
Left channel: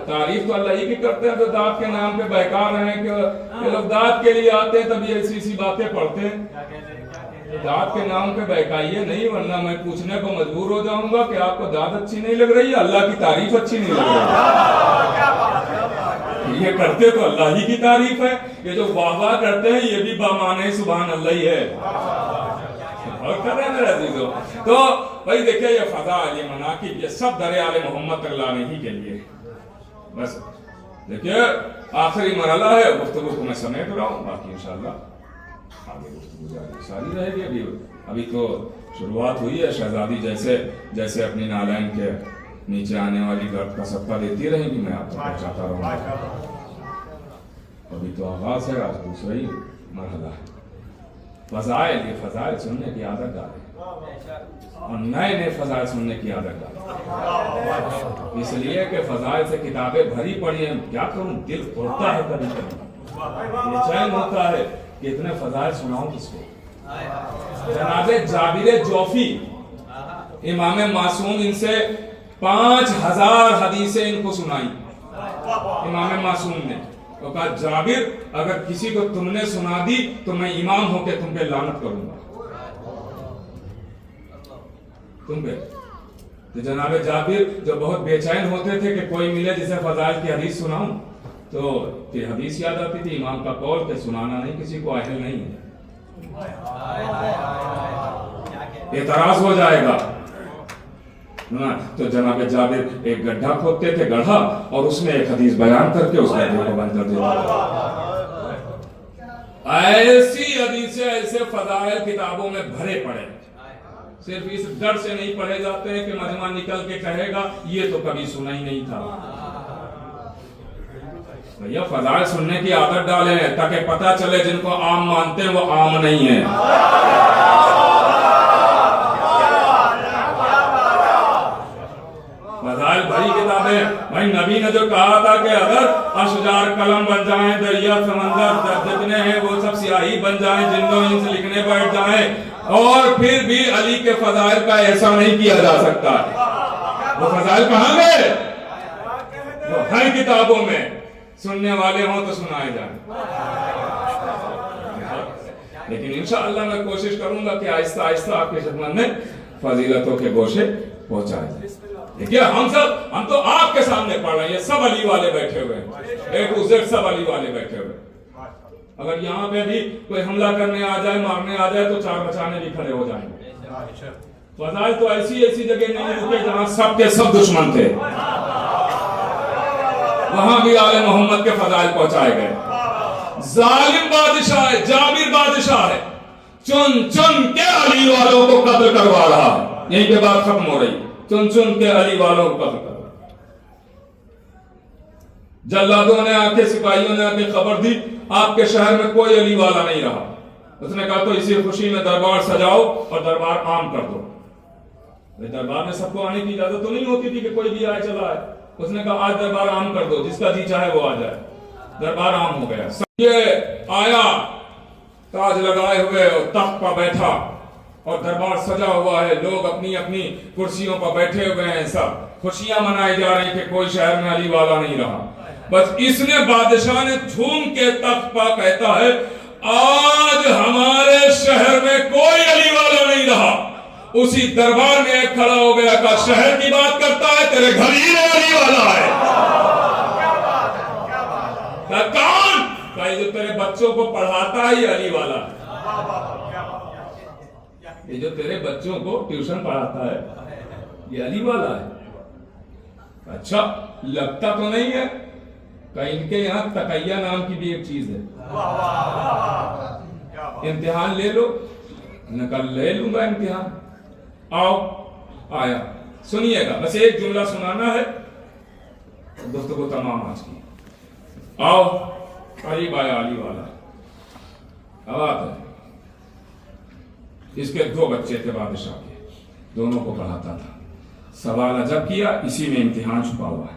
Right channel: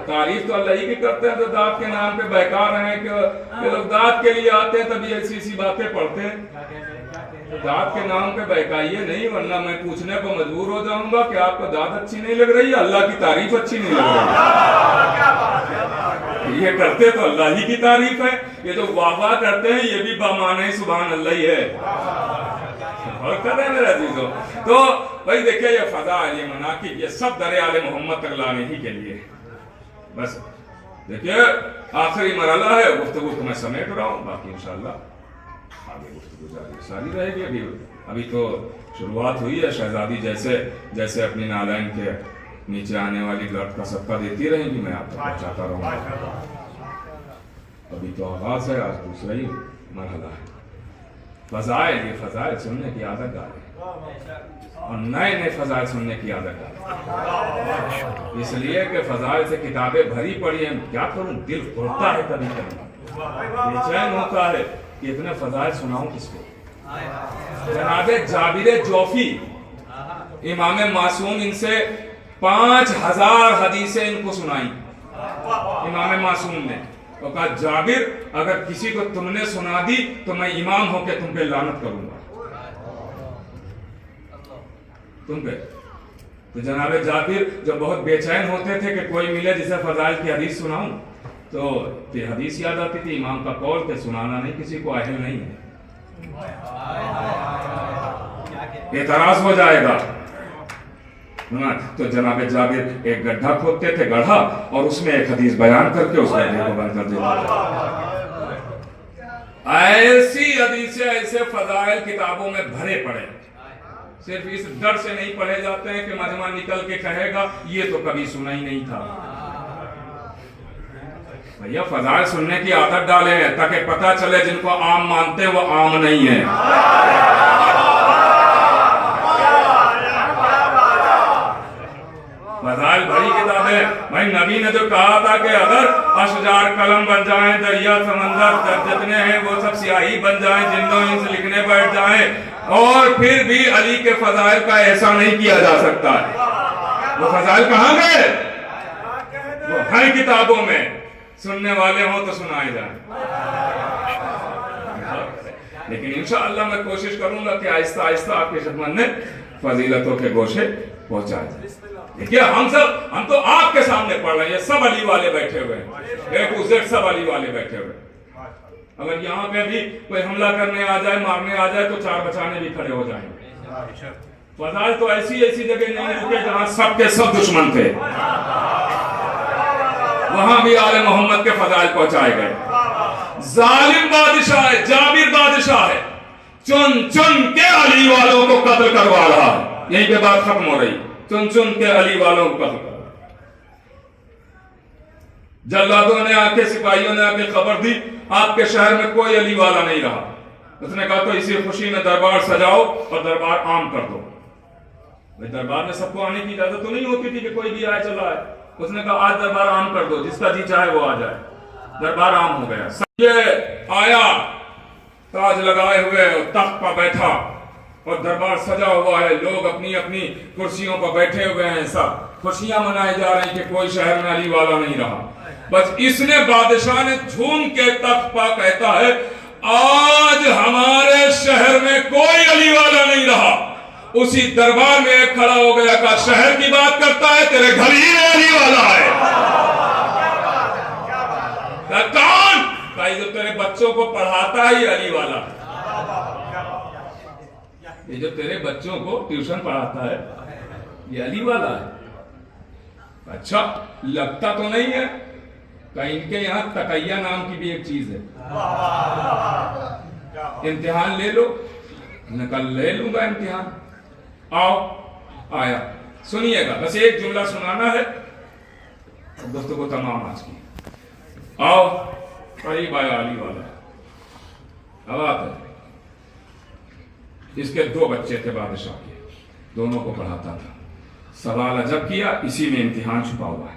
تعریف تو اللہ ہی کی کرتے ہیں جو داد کے نام پہ بہکا رہے ہیں کہ لوگ داد کے لیے آتے ہیں تبھی ایسی ایسی باتیں پڑھتے ہیں. داد کے نام پہ بہکائیے نہیں, ورنہ میں پوچھنے کو مجبور ہو جاؤں گا کہ آپ کو داد اچھی نہیں لگ رہی ہے, اللہ کی تعریف اچھی نہیں لگ رہی. یہ کرتے تو اللہ ہی کی تعریف ہے، یہ جو واہ واہ کرتے ہیں یہ بھی بامانے سبحان اللہ ہی ہے، اور کر رہے ہیں میرے عزیزوں۔ تو بھائی دیکھیں یہ فضائل، یہ مناقب، یہ سب در آل محمد تک لانے ہی کے لیے۔ بس دیکھیں آخری مرحلہ ہے، گفتگو کو میں سمیٹ رہا ہوں، باقی انشاءاللہ آگے گفتگو ساری رہے گی۔ ابھی تو شروعات ہوئی ہے، شہزادی جیسے اپنی نالین کے نیچے آنے والی گرد کا صدقہ دیتی رہیں گی، میں آپ کو پہنچاتا رہوں گا۔ ابھی تو آغاز ہے، آج دوسرا ہی مرحلہ ہے۔ فضائل، یہ فضائل سننے کی عادت ڈالیں اور نئے فضائل سننے کی عادت ڈالیں، اس لیے کہ فضائل سے کتابیں بھری پڑی ہیں، کیا کروں، دل توڑتا ہے کبھی کبھی، بے چین ہوتا ہے کہ اتنے فضائل سناؤں کس کو۔ جناب جابر جوفی امام معصوم ان سے 5000 حدیثیں ان کو سنائیں، امام معصوم نے، تو کہا جابر اگر کسی کو تم نے سنا دی تو میں امام ہو کے تم پہ لعنت کروں گا، تم پہ۔ تو جناب جابر جو بہت بے چین ہوتے تھے کہ کوئی ملے جسے فضائل کی حدیث سناؤں، تو یہ حدیث یاد آتی تھی امام کا قول کہ سنانا نہیں کسی کو اہل نہیں ہے، اعتراض ہو جائے گا۔ تو جناب جابر ایک گڈھا کھودتے تھے، گڑھا، اور اس میں ایک حدیث بیان کر کے اس گڈھے کو بند کر دیتے۔ ایسی حدیثیں، ایسے فضائل کتابوں میں بھرے پڑے، صرف اس ڈر سے نہیں پڑھے جاتے ہیں کہ مجمع نکل کے کہے گا یہ تو کبھی سنا ہی نہیں تھا۔ بھیا فضائل سننے کی عادت ڈالیں تاکہ پتہ چلے جن کو عام مانتے ہیں وہ عام نہیں ہیں۔ فضائل بھری کتابیں، بھائی نبی نے جو کہا تھا کہ اگر اشجار قلم بن جائیں، دریا سمندر جتنے ہیں وہ سب سیاہی بن جائیں، جنوں ان سے لکھنے بیٹھ جائیں، اور پھر بھی علی کے فضائل کا ایسا نہیں کیا جا سکتا ہے۔ وہ فضائل کہاں گئے؟ وہ ہیں کتابوں میں، سننے والے ہوں تو سنائے جائیں۔ لیکن انشاءاللہ میں کوشش کروں گا کہ آہستہ آہستہ آپ کے خدمت میں فضیلتوں کے گوشے پہنچائے جائیں۔ دیکھیے ہم تو آپ کے سامنے پڑھ رہے ہیں، یہ سب علی والے بیٹھے ہوئے ہیں، ایک زیڈ سب علی والے بیٹھے ہوئے ہیں۔ اگر یہاں پہ بھی کوئی حملہ کرنے آ جائے، مارنے آ جائے، تو چار بچانے بھی کھڑے ہو جائیں گے۔ فضائل تو ایسی جگہ نہیں رکے جہاں سب کے سب دشمن تھے، وہاں بھی آل محمد کے فضائل پہنچائے گئے۔ ظالم بادشاہ ہے، جابر بادشاہ ہے، چن چن کے علی والوں کو قتل کروا رہا ہے، یہیں پہ بات ختم ہو رہی، چن چن کے علی والوں کو قتل کروا۔ جلادوں نے آ کے، سپاہیوں نے آ کے خبر دی آپ کے شہر میں کوئی علی والا نہیں رہا۔ اس نے کہا تو اسی خوشی میں دربار سجاؤ اور دربار عام کر دو۔ دربار میں سب کو آنے کی اجازت تو نہیں ہوتی تھی کہ کوئی بھی آئے چلا ہے۔ اس نے کہا آج دربار عام کر دو، جس کا جی چاہے وہ آ جائے۔ دربار عام ہو گیا، یہ آیا تاج لگائے ہوئے اور تخت پر بیٹھا، اور دربار سجا ہوا ہے، لوگ اپنی اپنی کرسیوں پر بیٹھے ہوئے ہیں، سب خوشیاں منائی جا رہی کہ کوئی شہر میں علی والا نہیں رہا۔ بس اس نے بادشاہ نے جھوم کے تخت پر کہتا ہے آج ہمارے شہر میں کوئی علی والا نہیں رہا۔ اسی دربار میں ایک کھڑا ہو گیا، کہا شہر کی بات کرتا ہے، تیرے گھر ہی میں علی والا ہے۔ کون؟ کہا یہ جو تیرے بچوں کو پڑھاتا ہے یہ علی والا ہے، یہ جو تیرے بچوں کو ٹیوشن پڑھاتا ہے یہ علی والا ہے۔ اچھا لگتا تو نہیں ہے کہ ان کے یہاں تقیہ نام کی بھی ایک چیز ہے، امتحان لے لو۔ میں نے کہا لے لوں گا امتحان، آؤ۔ آیا، سنیے گا، بس ایک جملہ سنانا ہے، گفتگو تمام آج کی۔ آؤ، قریب آیا علی والا، اب آتا ہے۔ اس کے 2 بچے تھے بادشاہ کے، دونوں کو پڑھاتا تھا۔ سوال جب کیا، اسی میں امتحان چھپا ہوا ہے۔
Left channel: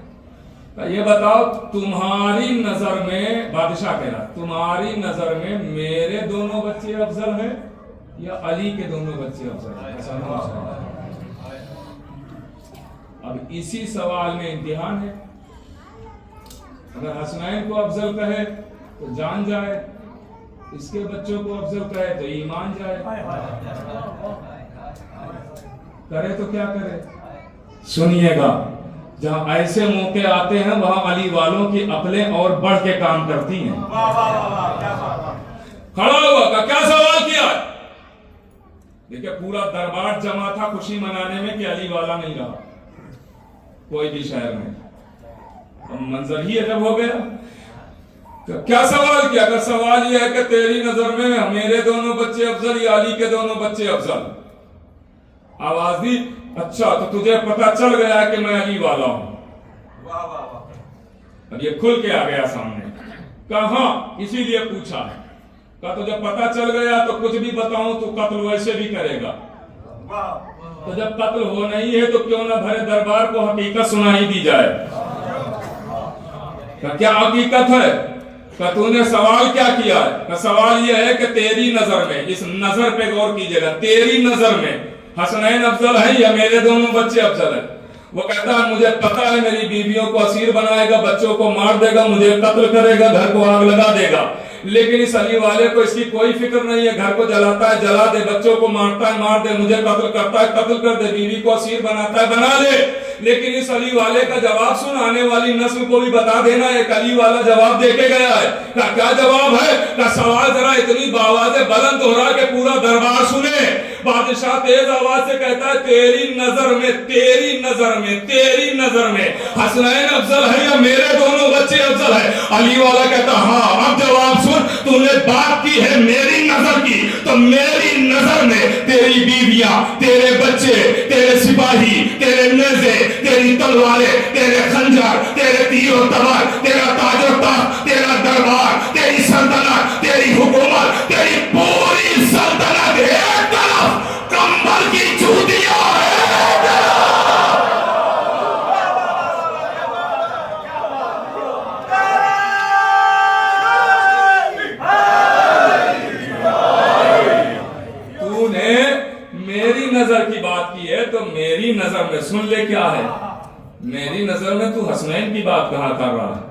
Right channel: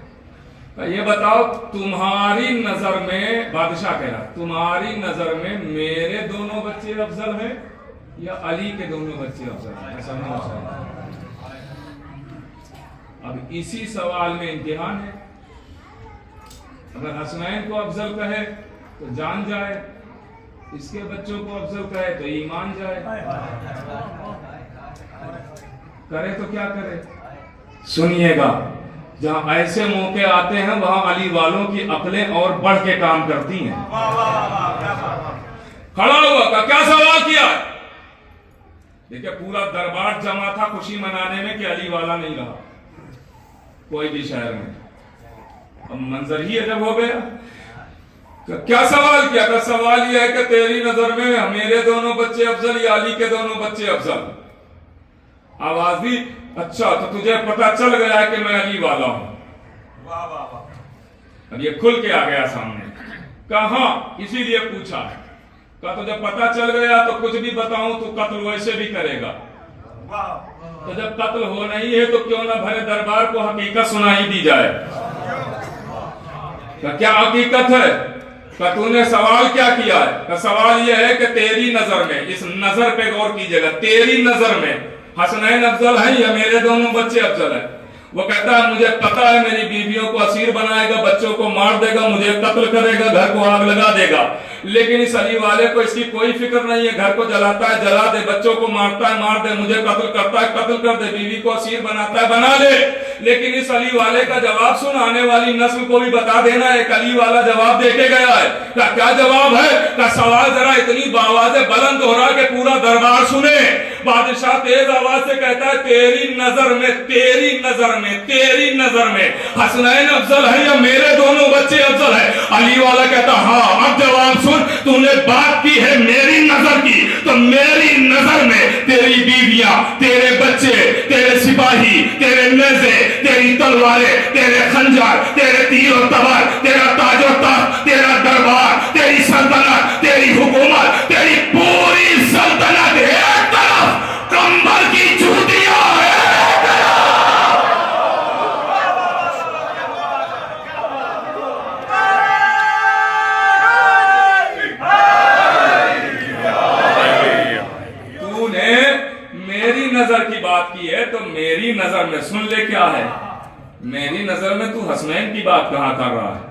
یہ بتاؤ تمہاری نظر میں، بادشاہ کہہ رہا تمہاری نظر میں میرے دونوں بچے افضل ہیں یا علی کے دونوں بچے افضل ہیں؟ ایسا نہیں ہو سکتا۔ اب اسی سوال میں امتحان ہے، اگر حسنین کو افضل کہے تو جان جائے، اس کے بچوں کو افضل کہے تو ایمان جائے، کرے تو کیا کرے؟ سنیے گا، جہاں ایسے موقع آتے ہیں وہاں علی والوں کی عقلیں اور بڑھ کے کام کرتی ہیں. کھڑا ہوا کہ کیا سوال کیا؟ دیکھیں پورا دربار جمع تھا خوشی منانے میں کہ علی والا نہیں رہا کوئی بھی شہر میں. اب منظر ہی عجب ہو گیا. کیا سوال کیا؟ کہ سوال یہ ہے کہ تیری نظر میں میرے دونوں بچے افضل یا علی کے دونوں بچے افضل؟ آواز دی اچھا تو تجھے پتا چل گیا کہ میں علی والا ہوں. اب یہ کھل کے آ گیا سامنے. کہاں اسی لیے پوچھا کہ تجھے پتا چل گیا تو کچھ بھی بتاؤں تو قتل ویسے بھی کرے گا. تو جب قتل ہو نہیں ہے تو کیوں نہ بھرے دربار کو حقیقت سنائی دی جائے. کیا حقیقت ہے؟ کہ تو نے سوال کیا کیا ہے؟ کہ سوال یہ ہے کہ تیری نظر میں، اس نظر پہ غور کیجئے گا، تیری نظر میں حسنین افضل ہے یا میرے دونوں بچے افضل ہیں؟ وہ کہتا ہے مجھے پتا ہے میری بیویوں کو اسیر بنائے گا، بچوں کو مار دے گا، مجھے قتل کرے گا، گھر کو آگ لگا دے گا. لیکن اس علی والے کو اس کی کوئی فکر نہیں ہے. گھر کو جلاتا ہے جلا دے، بچوں کو مارتا ہے مار دے، مجھے قتل کرتا ہے قتل کر دے، بیوی کو اسیر بناتا ہے بنا لے. لیکن اس علی والے کا جواب سن، آنے والی نسل کو بھی بتا دینا ایک علی والا جواب دے کے گیا ہے. کیا جواب ہے؟ کہ سوال ذرا اتنی بآواز بلند ہو رہا کہ پورا دربار سنے. بادشاہ تیز آواز سے کہتا ہے تیری نظر میں، تیری نظر میں، تیری نظر میں حسنین افضل ہے یا میرے دونوں بچے افضل ہے؟ علی والا کہتا ہاں. اب جواب سن، تو نے بات کی ہے میری نظر کی، تو میری نظر میں تیری بیویاں، تیرے بچے، تیرے سپاہی، تیرے نیزے، تیری تلواریں، تیرے خنجر، تیرے تیر و تبر، تیرا تاج و تخت، تیرا دربار، تیری سلطنت، تیری حکومت، تیری پوری سلطنت ایک طرف، کمبل کی چوٹیاں ایک طرف. تو نے میری نظر کی بات کی ہے تو میری نظر میں سن لے کیا ہے. میری نظر میں تو حسنین کی بات کہاں کر رہا ہے؟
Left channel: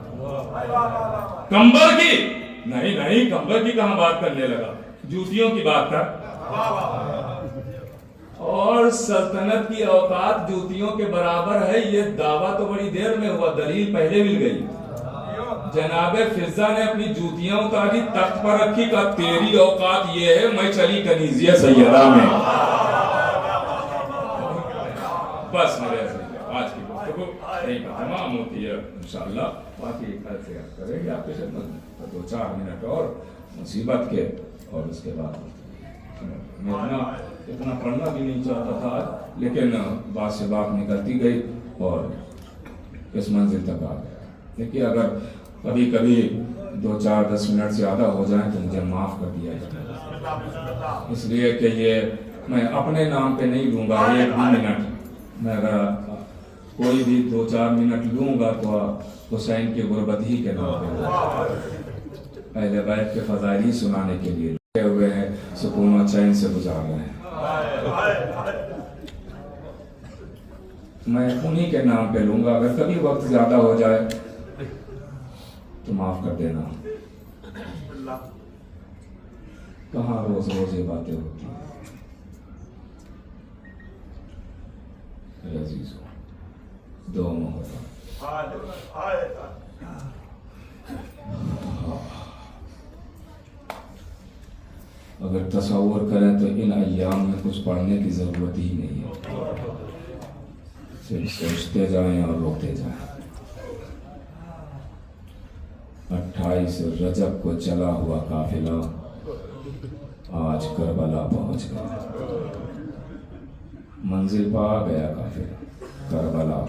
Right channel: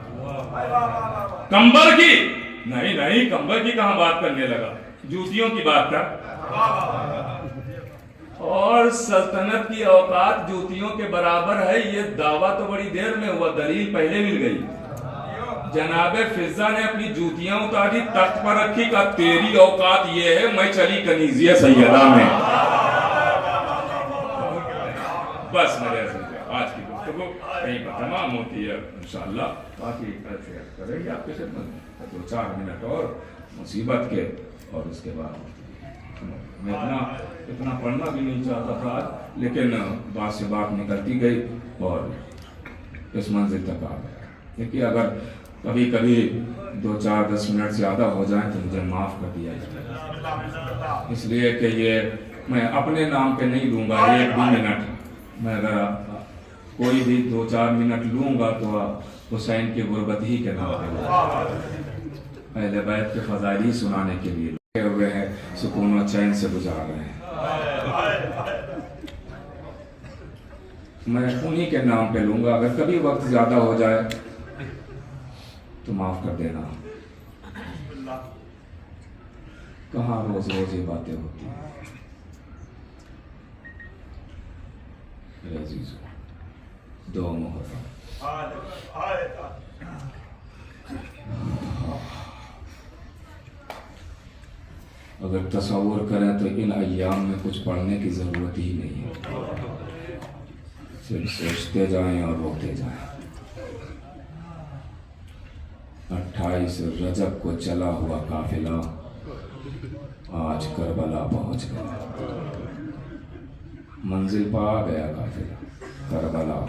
کمبل کی نہیں، نہیں کمبل کی کہاں بات کرنے لگا، جوتیوں کی بات کر. اور سلطنت کی اوقات جوتیوں کے برابر ہے، یہ دعویٰ تو بڑی دیر میں ہوا، دلیل پہلے مل گئی. جناب فضہ نے اپنی جوتیاں اتاری تخت پر رکھی کہ تیری اوقات یہ ہے، میں چلی کنیزیہ سیدہ میں. بس میرے آج کی گفتگو کہیں پر تمام ہوتی ہے انشاءاللہ. باقی کل سے کریں گے آپ کے خدمت 2-4 منٹ اور مصیبت کے، اور اس کے بعد میں اتنا پڑھنا بھی نہیں چاہتا تھا لیکن بات سے بات نکلتی گئی اور اس منزل تک آ گیا. دیکھیے اگر کبھی کبھی 2-4-10 منٹ زیادہ ہو جائیں تو مجھے معاف کر دیا جائے، اس لیے کہ یہ میں اپنے نام پہ نہیں لوں گا 1-2 منٹ. میں اگر کوئی بھی 2-4 منٹ لوں گا تو حسین کی غربت ہی کے نام پہ اہل بیت کے فضائل ہی سنانے کے لیے لگے ہوئے ہیں، سکون و چین سے گزار رہے ہیں. میں انہی کے نام پہ لوں گا. اگر کبھی وقت زیادہ ہو جائے تو معاف کر دینا. کہاں روز روز یہ باتیں ہوتی ہیں. عزیز ہو 2 محرم اگر تصور کریں تو ان ایام میں کچھ پڑھنے کی ضرورت ہی نہیں ہے، صرف سوچتے جائیں اور روتے جائیں. 28 رجب کو چلا ہوا قافلہ آج کربلا پہنچ گیا. منزل پا گیا قافلہ کربلا.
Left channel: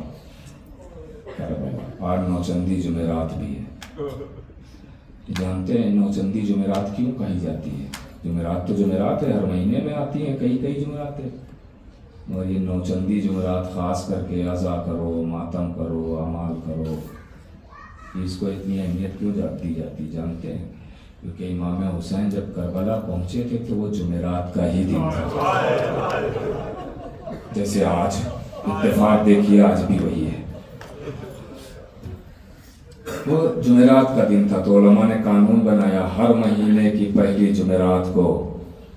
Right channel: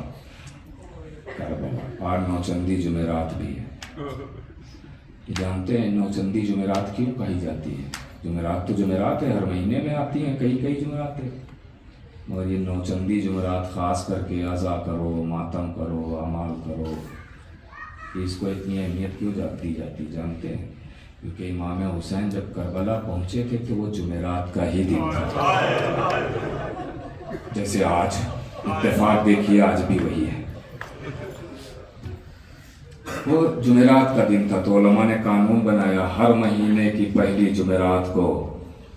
آج نوچندی جمعرات بھی ہے. جانتے ہیں نوچندی جمعرات کیوں کہی جاتی ہے؟ جمعرات تو جمعرات ہے، ہر مہینے میں آتی ہیں کئی جمعرات ہیں، اور یہ نوچندی جمعرات خاص کر کے عزا کرو، ماتم کرو، اعمال کرو. اس کو اتنی اہمیت کیوں دی جاتی جانتے ہیں؟ کیونکہ امام حسین جب کربلا پہنچے تھے تو وہ جمعرات کا ہی دن تھا. جیسے آج اتفاق دیکھیے آج بھی وہی ہے، وہ جمعرات کا دن تھا. تو علماء نے قانون بنایا ہر مہینے کی پہلی جمعرات کو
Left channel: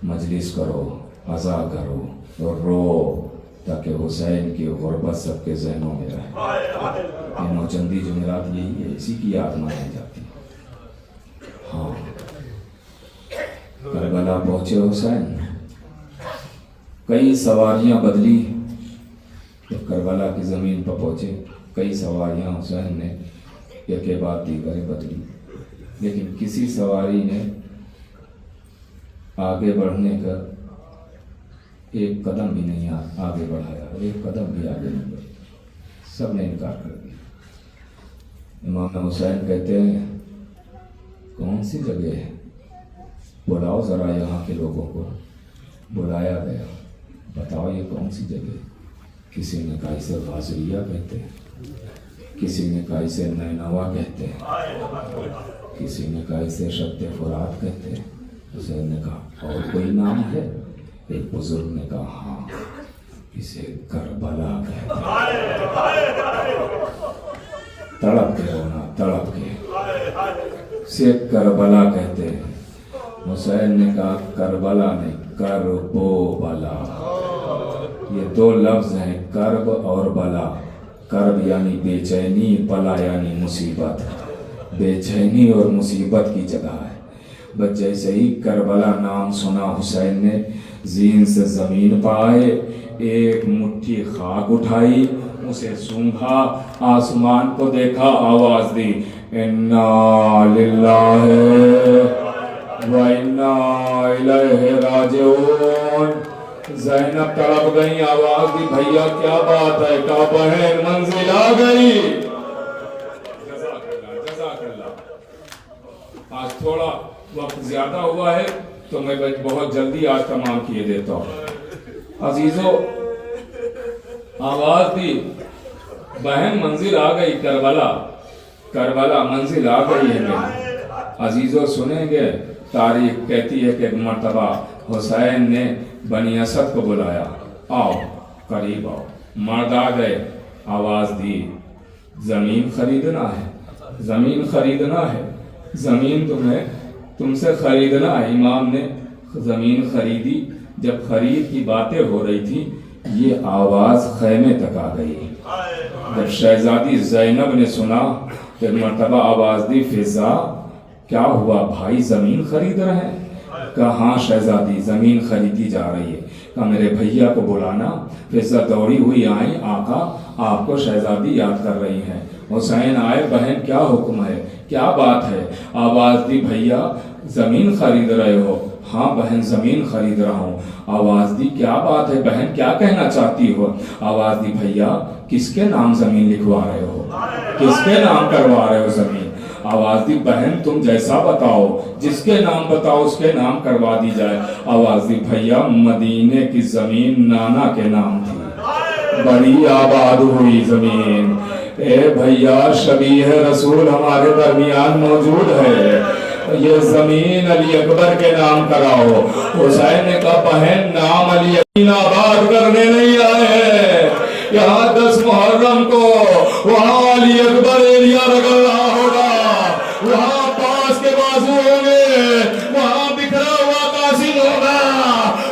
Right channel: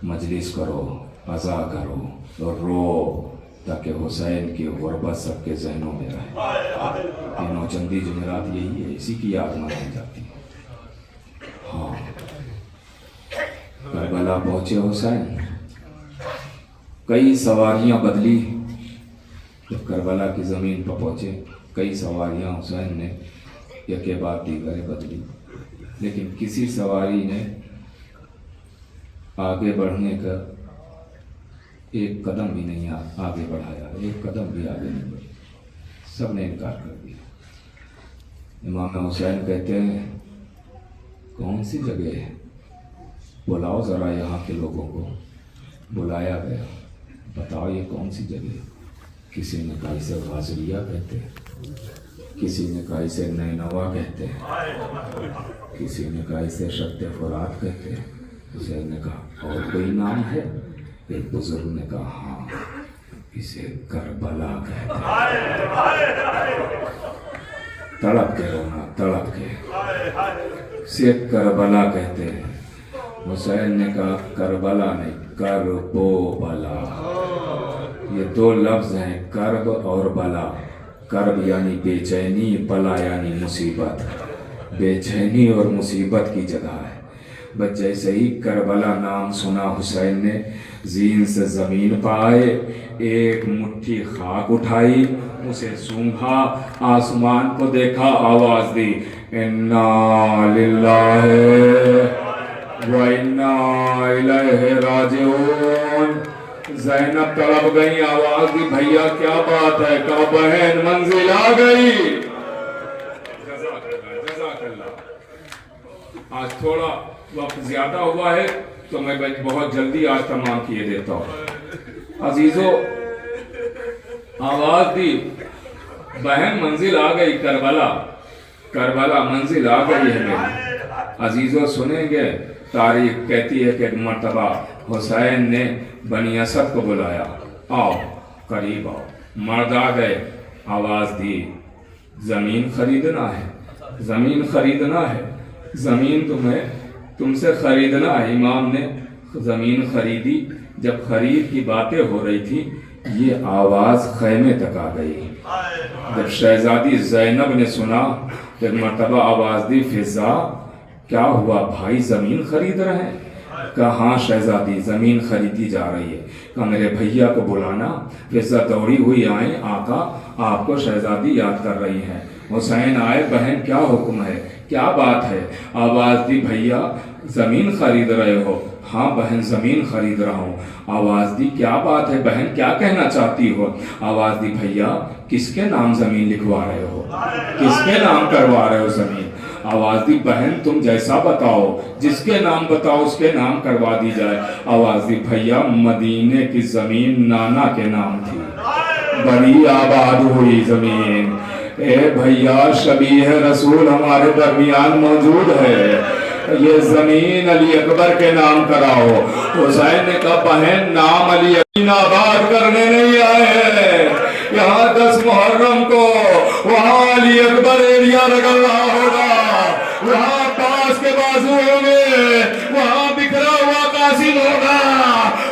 مجلس کرو، عزا کرو، اور رو تاکہ حسین کی غربت سب کے ذہنوں میں رہے. یہ نوچندی جمعرات یہی ہے، اسی کی یاد منائی جاتی ہے. ہاں کربلا پہنچے حسین، کئی سواریاں بدلی. جب کربلا کی زمین پر پہنچے کئی سواریاں حسین نے ایک کے بعد دیگر بدلی، لیکن کسی سواری نے آگے بڑھنے کا ایک قدم بھی نہیں آگے بڑھایا، ایک قدم بھی آگے نہیں بڑھے، سب نے انکار کر دیا. امام حسین کہتے ہیں کون سی جگہ ہے، بلاؤ ذرا یہاں کے لوگوں کو. بلایا گیا، بتاؤ یہ کون سی جگہ ہے. کسی نے کہا اسے غازریہ کہتے ہیں، کسی نے کہا اسے نینوا کہتے ہیں، کسی نے کہا اسے شط فرات کہتے ہیں. حسین نے کہا اور کوئی نام ہے؟ ایک بزرگ نے کہا ہاں اسے کربلا کہتے ہیں. تڑپ کے رونا، تڑپ کے اسے کربلا کہتے ہیں. حسین نے کہا کربلا نہیں، کرب و بلا. یہ دو لفظ ہیں، کرب اور بلا. کرب یعنی بے چینی، بلا یعنی مصیبت. بے چینی اور مصیبت کی جگہ ہے. بس جیسے ہی کربلا نام سنا حسین نے زین سے زمین پر آئے، ایک مٹھی خاک اٹھائی، اسے سونگھا، آسمان کو دیکھا، آواز دی انا للہ و انا الیہ راجعون. زینب تڑپ گئی، آواز دی بھیا کیا بات ہے، کہا بہن منزل آ گئی. جزاک اللہ. آج تھوڑا وقت زیادہ ہوا ہے تو میں بہت جلدی آج تمام کیے دیتا ہوں. عزیزو آواز دی بہن منزل آ گئی، کربلا، کربلا منزل آ گئی ہے میری. عزیزو سنیں گے تاریخ کہتی ہے کہ ایک مرتبہ حسین نے بنی اسد کو بلایا، آؤ قریب آؤ. مرد آ گئے، آواز دی زمین خریدنا ہے، زمین خریدنا ہے، زمین تم سے خریدنا ہے. امام نے زمین خریدی. جب خرید کی باتیں ہو رہی تھی یہ آواز خیمے تک آ گئی. جب شہزادی زینب نے سنا تو مرتبہ آواز دی فضا کیا ہوا بھائی، زمین خرید رہے ہیں؟ کہا ہاں شہزادی زمین خریدی جا رہی ہے. کہا میرے بھیا کو بلانا. فضا دوڑی ہوئی آئیں، آقا آپ کو شہزادی یاد کر رہی ہیں. حسین آئے، بہن کیا حکم ہے، کیا بات ہے؟ آواز دی بھیا زمین خرید رہے ہو؟ ہاں بہن زمین خرید رہا ہوں. آواز دی کیا بات ہے بہن، کیا کہنا چاہتی ہو؟ آواز دی بھیا کس کے نام زمین لکھوا رہے ہو، کس کے نام کروا رہے ہو زمین؟ آواز دی بہن تم جیسا بتاؤ، جس کے نام بتاؤ اس کے نام کروا دی جائے. آواز دی بھیا مدینے کی زمین نانا کے نام تھی، بڑی آباد ہوئی زمین. اے بھیا شبیہ رسول ہمارے درمیان موجود ہے، یہ زمین علی اکبر کے نام کراؤ. حسین نے کہا بہن نام علی اکبر آباد کرنے نہیں آئے ہیں، یہاں 10 محرم کو وہاں علی اکبر ایریا لگا رہا ہوگا، وہاں پاس کے بازو ہوں گے، وہاں بکھرا ہوا قاسم ہوگا،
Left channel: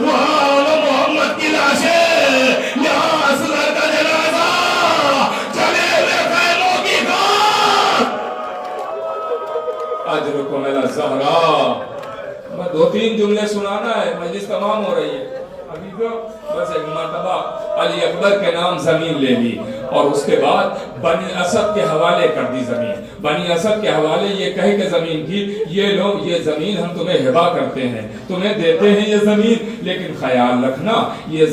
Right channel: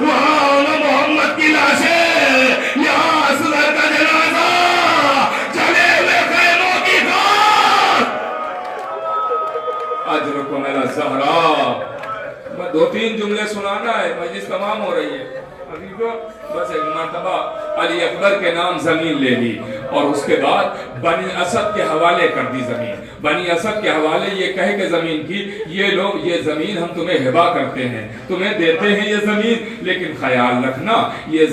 وہاں محمد کی لاشیں، یہاں اصغر کا جنازہ، چلے ہوئے خیموں کی خاک. اجرکم الی الزہراء. بس 2-3 جملے سنانا ہے، مجلس تمام ہو رہی ہے. بس ایک مرتبہ علی اکبر کے نام زمین لے لی اور اس کے بعد بنی اسد کے حوالے کر دی زمین. بنی اسد کے حوالے یہ کہے کہ زمین کی یہ لوگ یہ زمین ہم تمہیں ہبا کرتے ہیں، تمہیں دیتے ہیں یہ زمین، لیکن خیال رکھنا یہ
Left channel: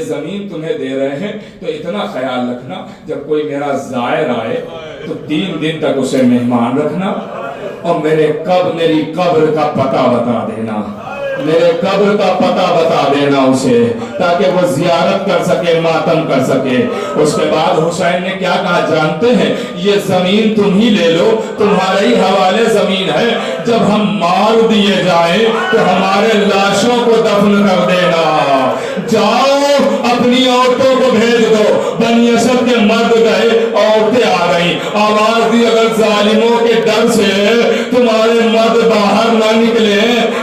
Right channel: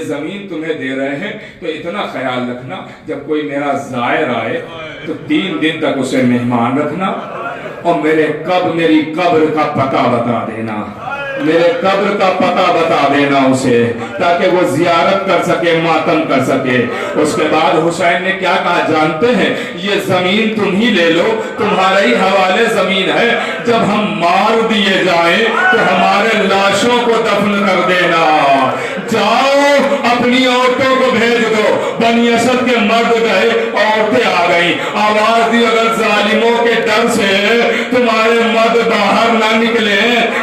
زمین تمہیں دے رہے ہیں تو اتنا خیال رکھنا جب کوئی میرا زائر آئے تو 3 دن تک اسے مہمان رکھنا اور میری قبر کا پتہ بتا دینا، میرے قبر کا پتہ بتا دینا اسے تاکہ وہ زیارت کر سکے، ماتم کر سکے. اس کے بعد حسین نے کیا کہا جانتے ہیں؟ یہ زمین تم ہی لے لو، تمہارے ہی حوالے زمین ہے، جب ہم مار دیے جائیں تو ہمارے لاشوں کو دفن کر دینا. جاؤ اپنی عورتوں کو بھیج دو. بنی اسد کے مرد گئے، عورتیں آ گئیں. آواز دی اگر ظالموں کے ڈر سے تمہارے مرد باہر نہ نکلے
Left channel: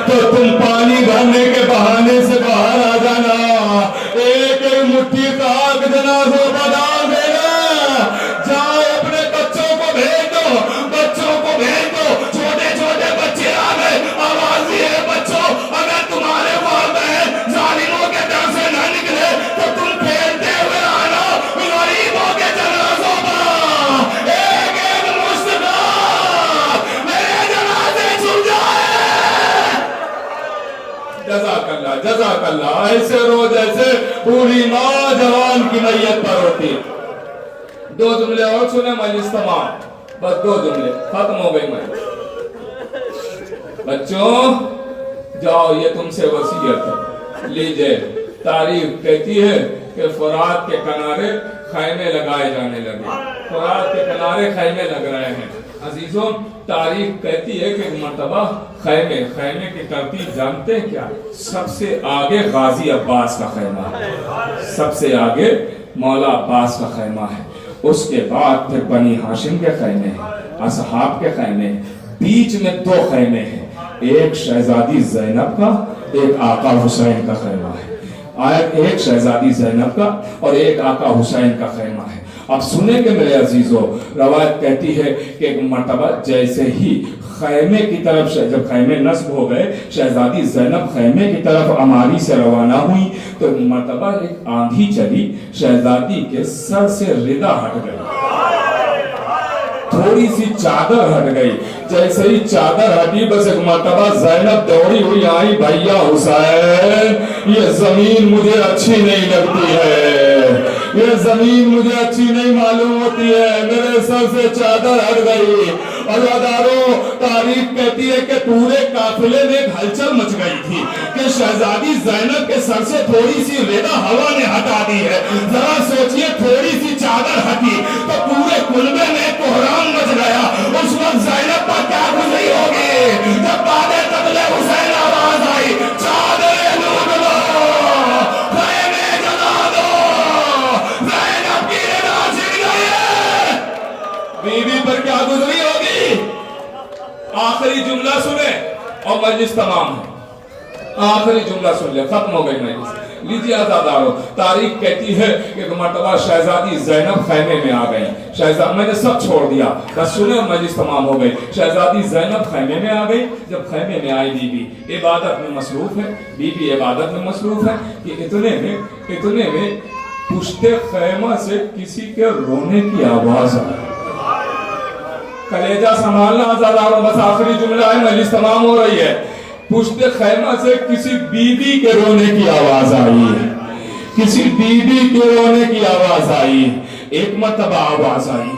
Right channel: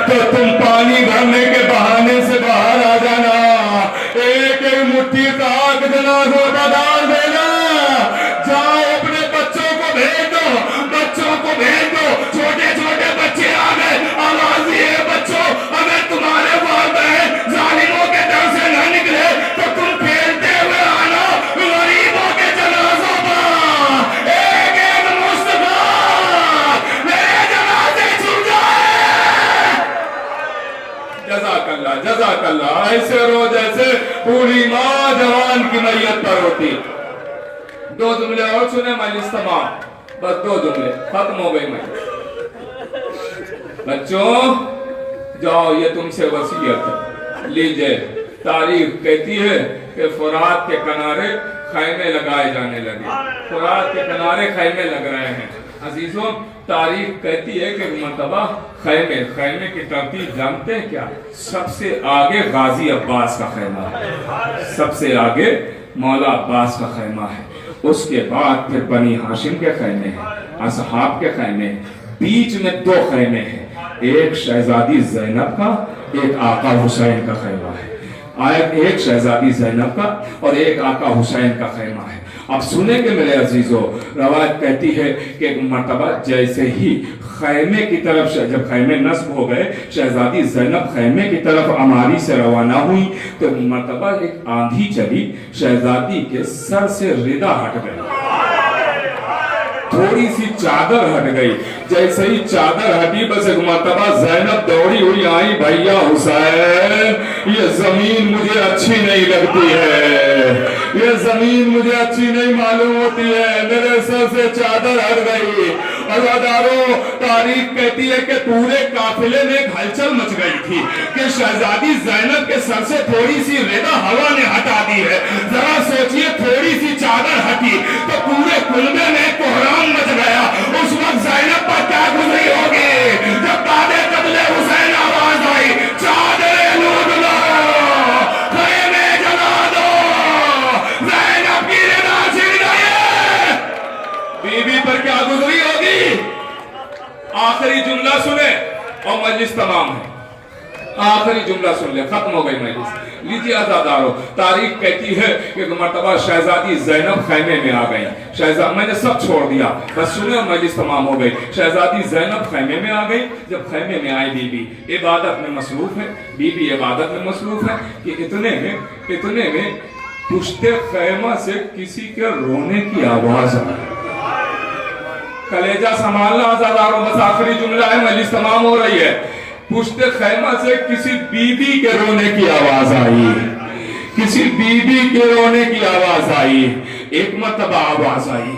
تو تم پانی بھرنے کے بہانے سے باہر آ جانا. ایک مٹھی ماشاءاللہ ایسے رو جیسے پوری ماں جوان کی میت پر ہوتی. 2 جملے اور سنے مجلس تمام. بس 2 جملے ختم ہو گئی. بچوں جاؤ یہ تم سے وصیت ہے لیجئے. تاریخ کہتی ہے کہ فرات کے کنارے خیمے لگائے جانے لگے. فرات کے کنارے خیمے لگ رہے ہیں. عزیزوں تاریخ کہتی ہے کہ مرتبہ خیمے کی ترتیب جانتے ہیں کیا؟ سب سے آگے غازی عباس کا خیمہ ہے, سب سے آگے مولا عباس کا خیمہ ہے. اس کے بعد پھر بنی ہاشم کے خیمے ہیں, اصحاب کے خیمے ہیں. بیچ میں 2 خیمے ہیں, ایک شہزادی زینب کا, ایک آقا حسین کا خیمہ ہے. ایک شہزادی زینب کا اور ایک آقا حسین کا خیمہ ہے. اب سنیں کہ میرے عزیزو, روایت کہتی ہے کہ ایک مرتبہ جیسے ہی خیمے کی طرف, جب خیمے نصب ہو گئے, شہزادی زینب خیمے کی طرف عماری سے روانہ ہوئی تو مرتبہ ایک آندھی چلی, شہزادی کے سر سے ردا ہٹ گئی, تھوڑی سی چادر ہٹ گئی. جیسے ہی چادر ہٹی بس ایک مرتبہ زینب دوڑی ہوئی آئی, بھیا حسین یہ زمین مجھے اچھی نہیں لگتی ہے, یہ زمین مجھے اچھی نہیں معلوم ہوتی ہے, میرے سر سے چادر ہٹ گئی. عزاداروں تاریخ کہتی ہے کہ پورے قافلے میں ایک ہلچل مچ گئی تھی کہ شہزادی زینب کے سر سے تھوڑی سی ردا ہوا نے ہٹا دی ہے. ذرا سوچئے تھوڑی سی چادر ہٹی تو پورے کلبے میں کوہرام مچ گیا. اس وقت زینب پر کیا گزری ہوگی جب بعد قتل حسین آواز آئی, چادر لوٹ لو, خیمے جلا دو, زینب کی ردا چھن گئی ہے. بی بی پر کیا گزری ہوگی؟ آخری جملہ سنے اور مجلس تمام ہے. آخری جملہ سن لے, ختم ہو گئی مجلس. لیجیے عزادارو, تاریخ کہتی ہے کہ مرتبہ شہزادی زینب خیمے میں آ گئی. میں نے سب چھوڑ دیا, بس سنے اور مجلس تمام ہو گئی. شہزادی زینب خیمے میں آ گئی. جب خیمے میں آئی بی بی عبادت میں مصروف ہے, بی بی عبادت میں مصروف ہے کہ اتنے میں پشت خیمہ سے کسی کے رونے کی آواز آئی. کلیجہ سنبھالنا عزادارو, بس آخری جملہ ہے, مجلس تمام ہو رہی ہے. پشت خیمہ سے کسی بی بی کے رونے کی آواز آئی, کسی بی بی کے رونے کی آواز آئی. ایک مرتبہ آواز آئی,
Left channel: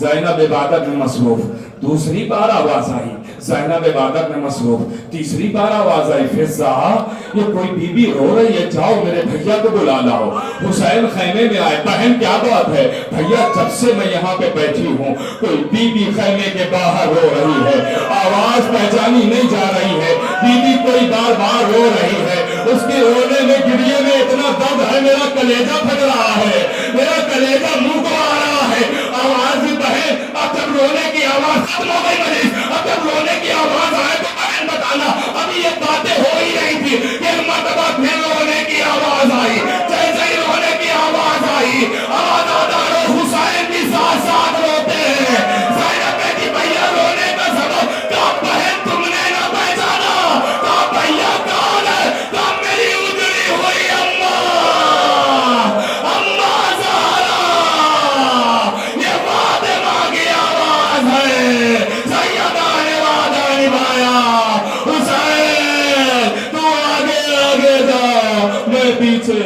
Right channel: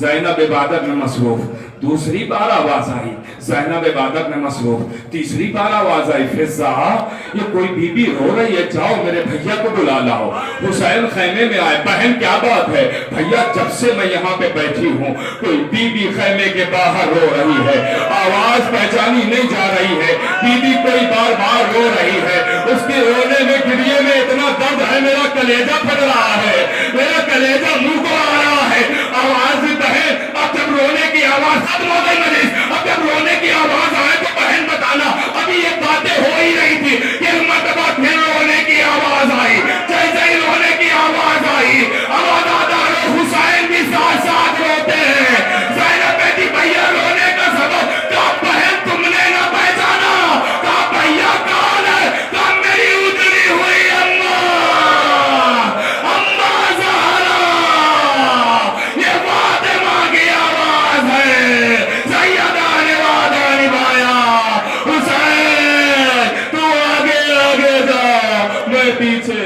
زینب عبادت میں مصروف. دوسری بار آواز آئی, زینب عبادت میں مصروف. تیسری بار آواز آئی, فضا یہ کوئی بی بی رو رہی ہے, جاؤ میرے بھیا کو بلا لاؤ. حسین خیمے میں آئے, بہن کیا بات ہے؟ بھیا جب سے میں یہاں پہ بیٹھی ہوں کوئی بی بی خیمے کے باہر رو رہی ہے, آواز پہچانی نہیں جا رہی ہے, بی بی کوئی بار بار رو رہی ہے. اس کے رونے میں گریے میں اتنا درد ہے, میرا کلیجہ پھٹ رہا ہے, میرا کلیجہ منہ کو آ رہا ہے. آواز بھی بہن, اب جب رونے کی آواز ختم ہو گئی مجلس, اب جب رونے کی آواز آئے تو بہن بتانا, ابھی یہ باتیں ہو ہی رہی تھی, ایک مرتبہ پھر رونے کی آواز آئی. جیسے ہی رونے کی آواز آئی, عزادارو حسین بھی ساتھ ساتھ روتے ہیں. زینب کہتی بھیا رونے کا سبب, کہا بہن تم نے نہ پہچانا, کہا بھیا کون ہے, کہا میری اجڑی ہوئی اماں, اماں زہرا, یہ فاطمہ کی آواز ہے. سیدہ نے وعدہ نبھایا, حسین تو آگے آگے جا, میں پیچھے